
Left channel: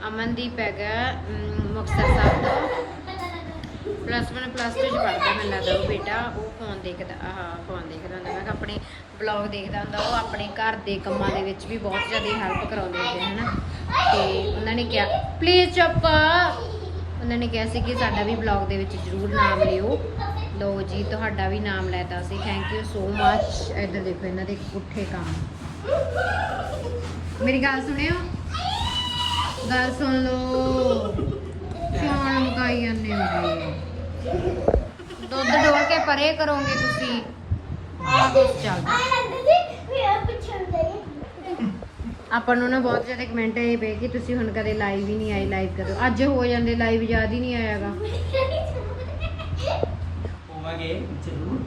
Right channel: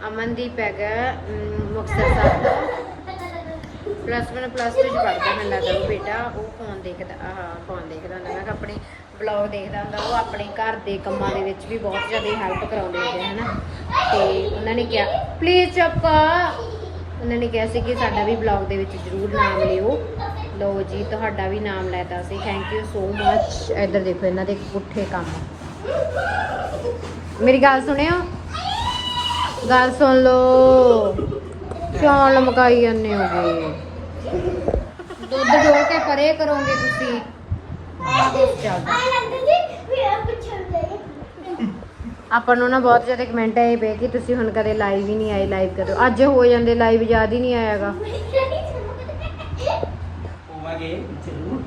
A: ਅਮਨਦੀਪ ਹੈਗਾ ਅਮ, ਸਾਹਿਬ ਤੋਂ। ਪਲੱਸ 1 ਪਲੱਸ 2 ਚ ਪੜਦਾ ਮੈਨੂੰ ਲੱਗਦਾ ਉਹ ਬੇਟਾ ਉਹ ਫੋਨ ਦੇਖਦਾ ਆਹ ਫੋਨ ਦੇਖਦਾ ਹੁੰਦਾ। ਮੈਂ ਕਿਹਾ ਆਪਣੇ ਬਲੌਗ ਦੇਖਦਾ ਹੁੰਦਾ ਉਹ ਆਪਣੇ ਘਰ ਦੇ ਕੰਮਾਂ ਦੇ ਵਿੱਚ ਵੀ ਬਹੁਤ ਜ਼ਿਆਦਾ ਹੈਲਪ ਕਰਾਉਂਦੇ ਹੁੰਦੇ ਹਨਾ। ਤੇ ਉਹਨਾਂ ਨੇ ਕਿਹਾ ਪਲੀਜ਼ ਚੁੱਪ! ਉਹਨਾਂ ਨੇ ਕਿਹਾ ਸੀ ਕਿ ਸਾਡਾ ਵੀ ਬਲੌਗ ਦੇ ਵਿੱਚ ਜ਼ਰੂਰ ਨਾਮ ਲਿਓ। ਲਓ ਜੀ, ਤੁਹਾਡਾ ਵੀ ਨਾਮ ਲੈਤਾ ਸੀ। ਥੈਂਕ ਯੂ ਸੋ ਮੱਚ ਇੱਧਰ ਦੇਖੋ, ਇਹਨਾਂ ਦੇ ਪੁੱਠੇ ਕੰਮ। ਮੇਰੀ ਗੱਲ ਸੁਣਿਓ? ਗੱਲ ਸੁਣ ਲਓ। ਕਿਉਂ ਲਮਕਾਈ ਜਾਂਦੇ ਹੋਗੇ ਦੁੱਧ ਡੋਲ ਕੇ ਪਰੇ ਕਰੋਗੇ ਤੁਸੀਂ। ਆਹ ਕੁਛ ਚੱਲਦਾ। ਆਪਾਂ ਨੂੰ ਨਾ ਬਹੁਤ ਜ਼ਿਆਦਾ ਕਮੈਂਟ ਆਏ ਪਏ ਕਿ ਤੁਸੀਂ ਹੁਣ ਕਦੇ ਲਾਈਵ ਹੀ ਨਹੀਂ ਆਏ ਲਾਈਵ ਕਰੋ ਅੱਜ ਹੋ ਜਾਂਦੇ ਲਾਈਵ ਯਾਦ ਹੀ ਨਹੀਂ ਆਇਆਗਾ।
B: ਹੋਵਾਂਗੇ ਜ਼ਰੂਰ।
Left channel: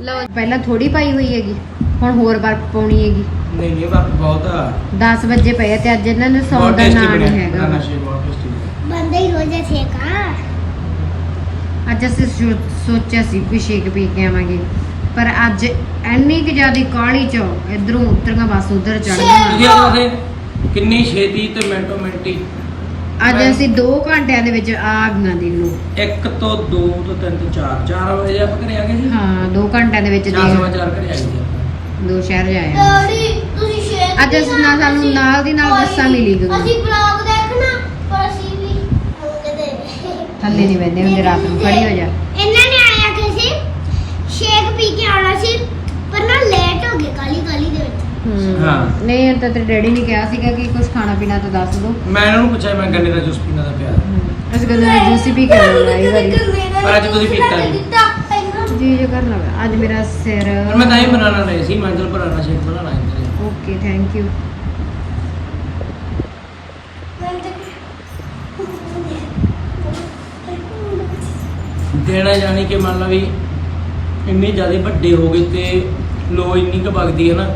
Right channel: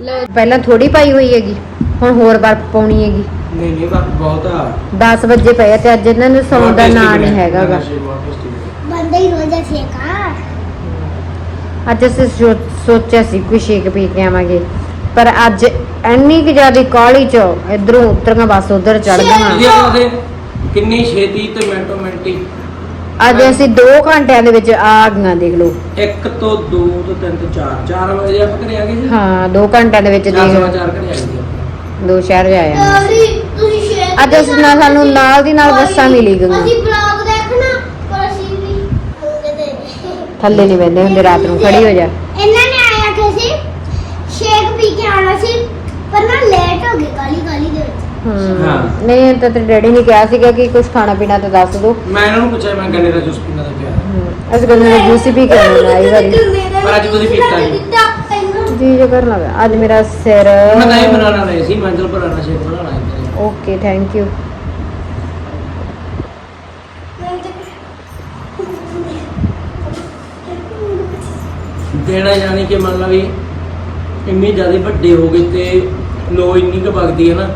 A: ਲਓ ਪਹਿਲਾਂ ਥੋੜੀ ਪਾਈ ਹੋਈ ਹੈਗੀ ਹੁਣ ਹੋਰ ਬਰਫ ਪਾਉਣੀ ਹੈਗੀ।
B: ਨਹੀਂ ਨਹੀਂ ਬਾਪ ਬਹੁਤ ਆ।
A: 10 ਵਜੇ ਪਏ ਤੇ ਅੱਜ ਇਹਨਾਂ ਨੂੰ ਸੌਣ ਦਾ ਨਾਂ ਨਹੀਂ ਹੈਗਾ।
D: ਬੰਦਾ ਹੀ ਰੋਜ਼ਾ ਸੇਕਾ
A: ਅੱਜ ਅਸੀਂ ਸੋਚਿਆ ਸੀ ਕਿ ਸ਼ੇਕ ਪੀ ਕੇ ਆਵਾਂਗੇ। ਪਰ ਅੱਜ ਇੰਨੀ ਕਿ ਜ਼ਿਆਦਾ ਕਾਹਲੀ ਚ ਇਧਰੋਂ ਉਤਰੀਆਂ ਬਸ ਉਧਰ ਚੜ
B: ਆਖੇ ਕਿੰਨੀ ਛੇਤੀ ਤੇ ਮਿੰਟੋ ਮਿੰਟੀ।
A: ਅੱਜ ਅਸੀਂ 2 ਘੰਟਿਆਂ ਦੇ ਵਿੱਚ ਆ ਗਈਆਂ ਦੇਖ ਲਓ।
B: 1 ਤੋਂ 2 ਤੋਂ 3 ਤੋਂ 4 4 ਵਜੇ ਆਪਾਂ ਘਰੇ ਆ ਗਏ ਜੀ
A: ਹਾਂ 2 ਘੰਟਿਆਂ ਦੇ ਵਿੱਚ
B: 4
A: ਦੇਖ
B: ਸਵਾ
A: ਲਓ।
B: 4 ਘਰੇ ਆ ਗਏ।
A: ਦੋ ਸ਼ਹਿਰ ਜਾਇਆ ਅੱਜ ਅਸੀਂ ਨਾਲ ਸਾਨੂੰ ਨਾਲ ਦੀ ਨਾਲ ਬੱਸਾਂ ਮਿਲੀ ਗਈਆਂ
D: ਅਸੀਂ ਬਲੌਗ ਦੇਖਣਾ ਪਰ ਅਸੀਂ ਵੀ ਕਿਤੇ
A: ਥੱਲੇ ਨਹੀਂ ਬੈਠੇ ਹੁੰਦੇ ਰਾਤ ਨੂੰ ਖੜੀ ਹੋ ਜਾ।
D: ਇਹਨਾਂ ਨੇ ਆਇਆ ਕਿ ਸੀ? ਸ਼ੇਕ ਪੀ ਕੇ ਆਉਣਾ ਸੀ ਪਰ ਨਾ ਲੇਟ ਹੋ ਗਏ ਕਾਲੀ ਕਾਲੀ ਦੇ ਵਿੱਚ।
A: ਹਮ।
B: ਹਾਂ।
A: ਨਹੀਂ ਤਾਂ ਤੇਰੇ ਡੈਡੀ ਨੇ ਕਿਹਾ ਸੀਗਾ ਕਿ ਕੁਝ ਖਾਣਾ ਪੀਣਾ ਤਾਂ ਦੱਸ ਦਿਓ
B: ਮੈਂ ਇਹਨਾਂ ਨੂੰ ਪੁੱਛਿਆ ਮੈਂ ਗੰਨੇ ਦਾ ਜੂਸ ਪੀਣਾ ਦਾ ਪਿਆ
A: ਅਸੀਂ ਕਹਿੰਦੇ ਜੂਸ ਹੀ ਪੀ ਕੇ ਆਉਣਾ ਆਈ ਵਾਰੀ
B: ਪਰ ਅੱਜ ਤੁਸੀਂ ਪੀਤਾ ਨਹੀਂ।
A: ਜੀ ਜੇ ਕਰਨ ਲੱਗਾ ਅੱਜ ਮੇਰਾ ਸਿਰ
B: ਮੈਂ ਤਾਂ ਇਹ ਬਣਾਉਣਾ ਨਹੀਂ ਸੀ ਮੰਜ਼ਲ ਬਣਾਉਣਾ ਸ਼ੇਕ ਬਣਾਉਣਾ ਹੈ।
A: ਓਕੇ ਥੈਂਕ ਯੂ
B: ਦੇਣਾ ਜਾਣੀ ਕਿ ਮੰਨ ਲਾ ਵੀ ਇੰਨੀ ਜ਼ਿਆਦਾ ਵੱਡੇ ਹੋ ਗਏ ਤੇ ਲੋ ਇੰਨੀ ਕੁ ਵਗਦੀ ਹੈ ਨਾ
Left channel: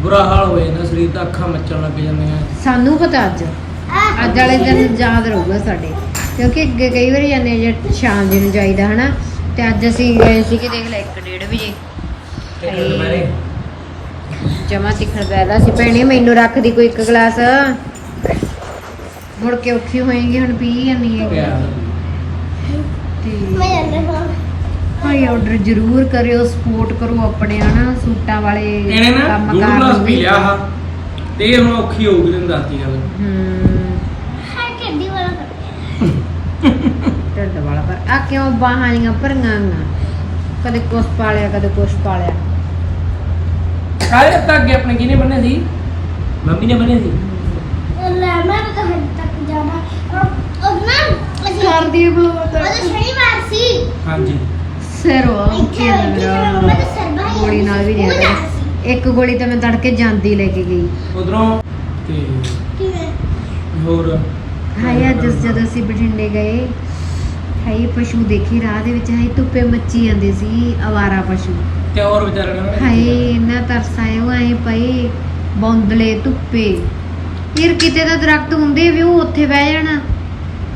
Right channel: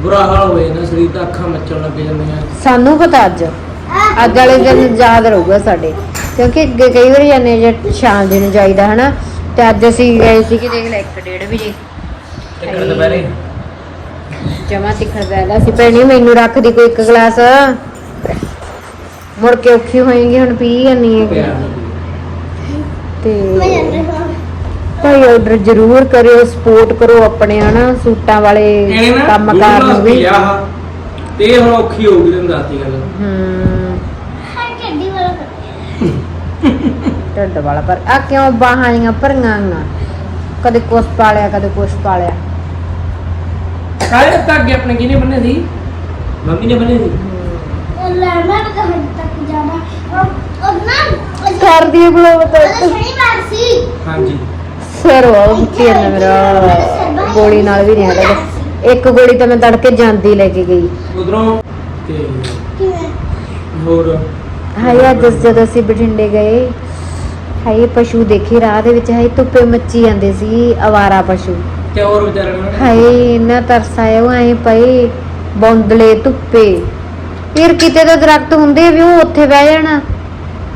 B: ਬੁਰਾ ਹਾਲ ਹੋ ਜਾਂਦਾ ਸਰੀਰ ਦਾ ਅੱਖਾਂ ਮੱਚਣ ਲੱਗ ਜਾਂਦੀਆਂ।
A: ਸਾਨੂੰ ਪਤਾ ਅੱਜ। ਅੱਜ ਵਾਲੇ ਦਿਨ ਯਾਦ ਰਹੂਗਾ ਸਾਡੇ। ਕਿਉਂਕਿ ਅੱਗੇ ਕਈ ਵਾਰੀ ਜਾਂਦੇ ਜੇ ਸ਼ਾਮ ਦੇ ਨੂੰ ਜਾਈਦਾ ਹਨਾ? ਤੇ ਅੱਜ ਅਸੀਂ ਗਏ ਸੀ ਕਿ ਦੇਖ ਲੈ 1:30 ਵਜੇ।
B: ਦੁਪਹਿਰੇ।
A: ਜਮਾ ਤਿੱਖੜ ਬੈਦਾ ਸੀ। ਭੈਣੀ ਮੈਨੂੰ ਰੱਖ ਦੀ ਕੋਈ ਇੱਕ ਗਲਾਸ। ਮੁੜ ਕੇ ਔਖੀ ਹੋਏਗੀ ਹੁਣ ਪੀ ਜਾਨੀ ਹੈ। ਤੇ ਭਾਈ ਆਰਡਰ ਜ਼ਰੂਰ ਕਰਿਓ ਸਪੋਰਟ ਕਰੋ ਆਪਣੇ ਹਨਾ? ਸੂਟਾਂ ਵਾਲੇ ਕੰਮ ਕਾਰ ਨੂੰ ਵੀ।
B: ਤੇ ਇਹ ਹੁਣ ਔਖੀ ਹੋ ਗਈ ਤੈਨੂੰ ਦੱਸਦੀ ਗੱਲ।
A: ਹੂੰ
D: ਹਾਂ ਕੱਢੀ ਵਾਲਾ
A: ਢਿੱਡ ਵਾਲਾ ਪਰ ਆ ਕਿਉਂ ਬਾਹਾਂ ਜੀਆਂ ਭਰੀਆਂ ਆਂ ਕਦੇ ਕੁਛ ਪਾਲਿਆ ਕਦੇ ਕੁਛ ਪਾਲਿਆ
B: ਅੱਗੇ ਆਪਣੇ ਕਿਹਨੇ ਬੰਨੇ ਸੀ? ਮੰਮੀ ਨੇ ਬੰਨੇ ਸੀ?
D: ਲੜਨਾ ਤਾਂ ਹੱਦ ਤੱਕ ਜਾਣਾ ਉਹ ਉਹ ਨਾ ਉਹ
A: ਕਰਦੀ ਬਲੋ
D: ਉਹਦਾ ਸ਼ਨੀਵਾਰ ਸੀ
B: ਹਾਂਜੀ।
A: ਸਿਰ ਉਹ ਕੀ ਹੈ ਮੇਰਾ। ਗੋਲੀ ਨਾਲ ਵੀ ਨਹੀਂ ਹਟਦਾ ਇੱਕ ਗੋਲੀ ਤਾਂ ਮੈਂ ਤੜਕੇ ਜਾਂਦੀ ਲੈ ਕੇ ਗਈ।
B: ਉਧਰੋਂ ਤੇ ਹੋਰ?
A: ਹਾਏ ਅੱਜ ਜਦੋਂ ਅਸੀਂ ਬਠਿੰਡੇ ਗਏ ਹਾਏ ਪਸ਼ੂ ਦੇਖੇ ਰਾਹ ਦੇ ਵਿੱਚ ਹਾਏ ਧੁੱਪੇ ਮੱਚੀ ਜਾਂਦੇ ਸੀ ਅਵਾਰਾ ਪਸ਼ੂ।
B: ਤੇ ਹੋਰ ਵਿਚਾਰੇ ਨੂੰ
A: ਹਾਏ ਇੰਨਾ ਤਰਸ ਆਇਆ ਉਹ ਐ ਪਏ ਬੌਂਦਲੇ ਧੁੱਪੇ। ਫਿਰ ਕਿਤੇ ਤਾਂ ਦਰਖਤ ਹੁੰਦੇ ਵੀ ਉਹ ਉੱਥੇ ਬਹਿ ਜਾਣਾ।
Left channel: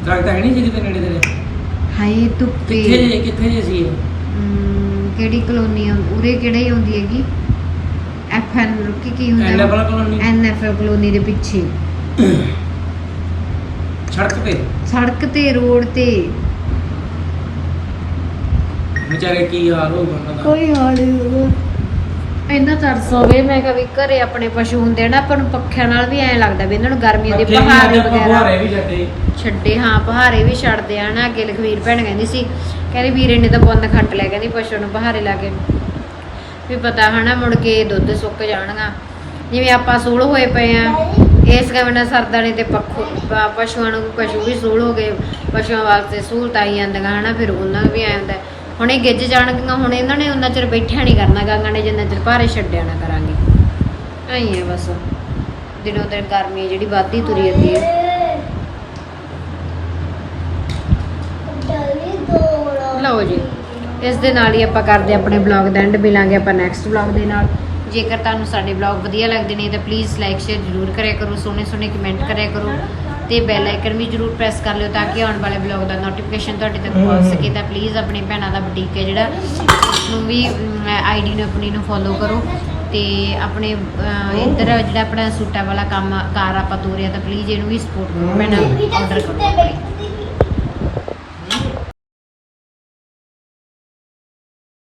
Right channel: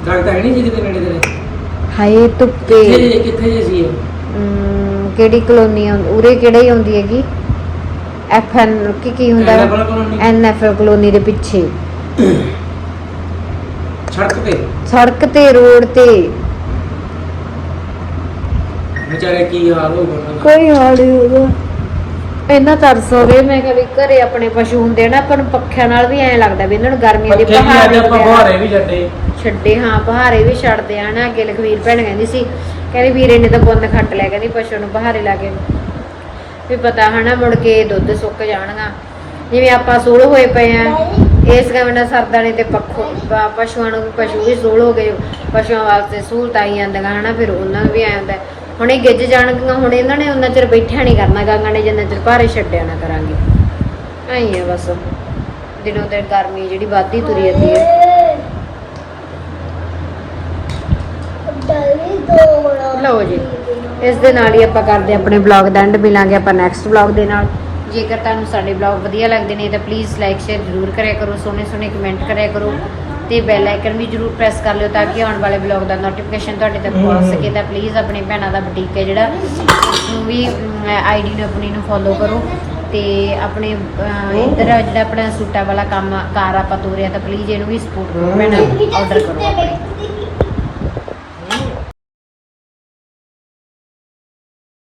B: ਦਰਖਤ ਹੈ ਨਹੀਂ ਸੀ ਕਿਤੇ ਨੇੜੇ ਤੇਰੇ?
A: ਹਾਏ ਧੁੱਪੇ।
B: ਕਿੱਥੇ ਜੇ ਕਿੱਥੇ ਜੇ ਸੀ ਇਹ?
A: ਅਮ, ਕਿਹੜੀ ਕਲੋਨੀ ਆ? ਉਰੇ ਕਿਹੜੇ ਹੀ ਆਉਂਦੀ ਹੈਗੀ? ਐਫ ਐਨ ਕੀ ਕੀ ਹੁੰਦਾ?
B: NFL colony?
A: N F colony ਦੇ ਪਿੱਛੇ।
B: ਸੜਕ ਤੇ?
A: ਸੜਕ ਤੇ ਰੋਡ ਤੇ।
B: ਵਿਚਾਰੇ ਕੀ ਹਾਲ ਹੋਊਗਾ ਉਹਨਾਂ ਦਾ?
A: ਕੋਈ ਹਾਲ ਨਹੀਂ ਹੋਗਾ ਇੰਨਾ ਤਰਸ ਹੋਵੇ ਮੈਂ ਕਿਹਾ ਵੀ ਘਰੇ ਆਪਣੇ ਪਸ਼ੂ ਹੁੰਦੇ ਨਾ ਆਪਾਂ ਨੂੰ ਪੱਖਿਆਂ ਨਾਲ ਵੀ ਐਂ ਲੱਗਦਾ ਵੀ ਇਹਨਾਂ ਨੂੰ ਗਰਮੀਆਂ ਦੇ
B: ਪੱਖੇ ਵੀ
A: ਪਹਾੜੇ
B: ਅੱਜ ਆਪਾਂ
A: ਵਗੈਰਾ।
B: ਫੁਹਾਰੇ ਵੀ ਛੱਡੇ।
A: ਛੱਡੇ ਹਾਂ ਪਹਾਰੇ ਵੀ ਛੱਡਦੇ ਆ ਨਾ। ਅੱਗੇ ਲਖਵੀਰ ਭੈਣ ਕਹਿੰਦੀ ਸੀ ਕਹਿੰਦੀ ਵੀਰੇ ਨੇ ਤਾਂ ਪੁੰਨ ਖੱਟ ਲਿਆ ਕਹਿੰਦੀ ਪਸ਼ੂ ਨੂੰ ਪਹਾਰੇ ਲਾ ਕੇ। ਵੀ ਪਤਾ ਹਨਾ ਮੁੜ ਕੇ ਦੁੱਧ ਸੁੱਕ ਜਾਣਗਾ। ਜਿਵੇਂ ਆਪਾਂ ਸੂਲ ਹੋਏ ਪਏ ਆ ਇਸ ਕੰਮ ਨਾਲ ਸਰਦਾ ਨੇ ਤੇ ਪੱਖੋ ਪ- ਪਸ਼ੂਆਂ ਨੂੰ ਪਸ਼ੂ ਵੀ ਸੂਲ ਹੋ ਗਏ ਪਸ਼ੂਆਂ ਵਾਸਤੇ ਸਹੂਲਤਾਂ ਆਈ ਜਾਂਦੀਆਂ ਹਨਾ ਫਿਰ ਉਹਨਾਂ ਨੂੰ ਵੀ ਆਇਆ ਹੁੰਦਾ। ਹੁਣ ਇਹ ਗਿੱਜ ਜਾਣਗੀਆਂ, ਹੁਣ ਇਹਨਾਂ ਨੇ ਉਹਨਾਂ ਚਿਰ ਬੈਠਿਆ ਨਹੀਂ ਕਰਨਾ, ਗਾਂਗਾਂ ਨੇ ਜਿੰਨਾ ਚਿਰ ਭਾਰੇ ਛੱਡਿਆ ਨਾ ਕਰਾਂਗੇ। ਐਂ ਆ ਬਸ। ਦਿਨੋਂ ਦਿਨ ਗਰਮੀ ਜਿਹੜੀ, ਵੱਧਦੀ ਤੁਰੀ ਜਾਂਦੀ ਹੈ
D: ਡਲੀ ਦੋ
A: ਲਓ ਜੀ, ਇਸ ਦੇ ਨਾਲ ਹੀ ਆਪਾਂ ਕਰਦੇ ਹਾਂ ਆਪਣੇ ਬਲੌਗ ਦਾ ਐਂਡ ਮਿਲਾਂਗੇ ਆਪਾਂ ਨੈਕਸਟ ਬਲੌਗ ਦੇ ਨਾਲ। ਜੇਕਰ ਤੁਹਾਨੂੰ ਸਾਡੇ ਬਲੌਗ ਵਧੀਆ ਲੱਗਦੇ ਨੇ ਤਾਂ ਪਲੀਜ਼ ਲਾਈਕ ਸ਼ੇਅਰ ਜ਼ਰੂਰ ਕਰਿਆ ਕਰੋ ਸੋਹਣੇ ਸੋਹਣੇ ਕਮੈਂਟ ਕਰਿਆ ਕਰੋ। ਤੇ ਬੈਲ ਆਈਕਨ ਵੀ ਜ਼ਰੂਰ ਪ੍ਰੈਸ ਕਰ ਲਿਓ ਤਾਂ ਕਿ ਆਉਣ ਵਾਲੇ ਬਲੌਗ ਦਾ ਨੋਟੀਫਿਕੇਸ਼ਨ ਤੁਹਾਡੇ ਤੱਕ ਪਹੁੰਚ ਸਕੇ। ਤਾਂ ਪਲੀਜ਼ ਆਪਣੀ ਭੈਣਾਂ ਦਾ ਬੁਟੀਕ ਹੈ ਜਿਹੜਾ ਉਸਨੂੰ ਵੀ ਆਈਡੀ ਨੂੰ ਆਪਣੀ ਨੂੰ ਫੋਲੋ ਕਰੋ ਤੇ ਆਪਣੇ ਇੱਧਰ ਜਿਹੜਾ ਆਪਣਾ ਸੂਟਾਂ ਵਾਲਾ ਕੰਮ ਕਾਰ ਆਪਾਂ ਤੋਰਿਆ ਤਾਂ ਪਲੀਜ਼ ਇਹਨੂੰ ਵੀ ਸਪੋਰਟ ਕਰੋ ਭੈਣਾਂ ਆਰਡਰ ਕਰੋ ਆਪਣੇ।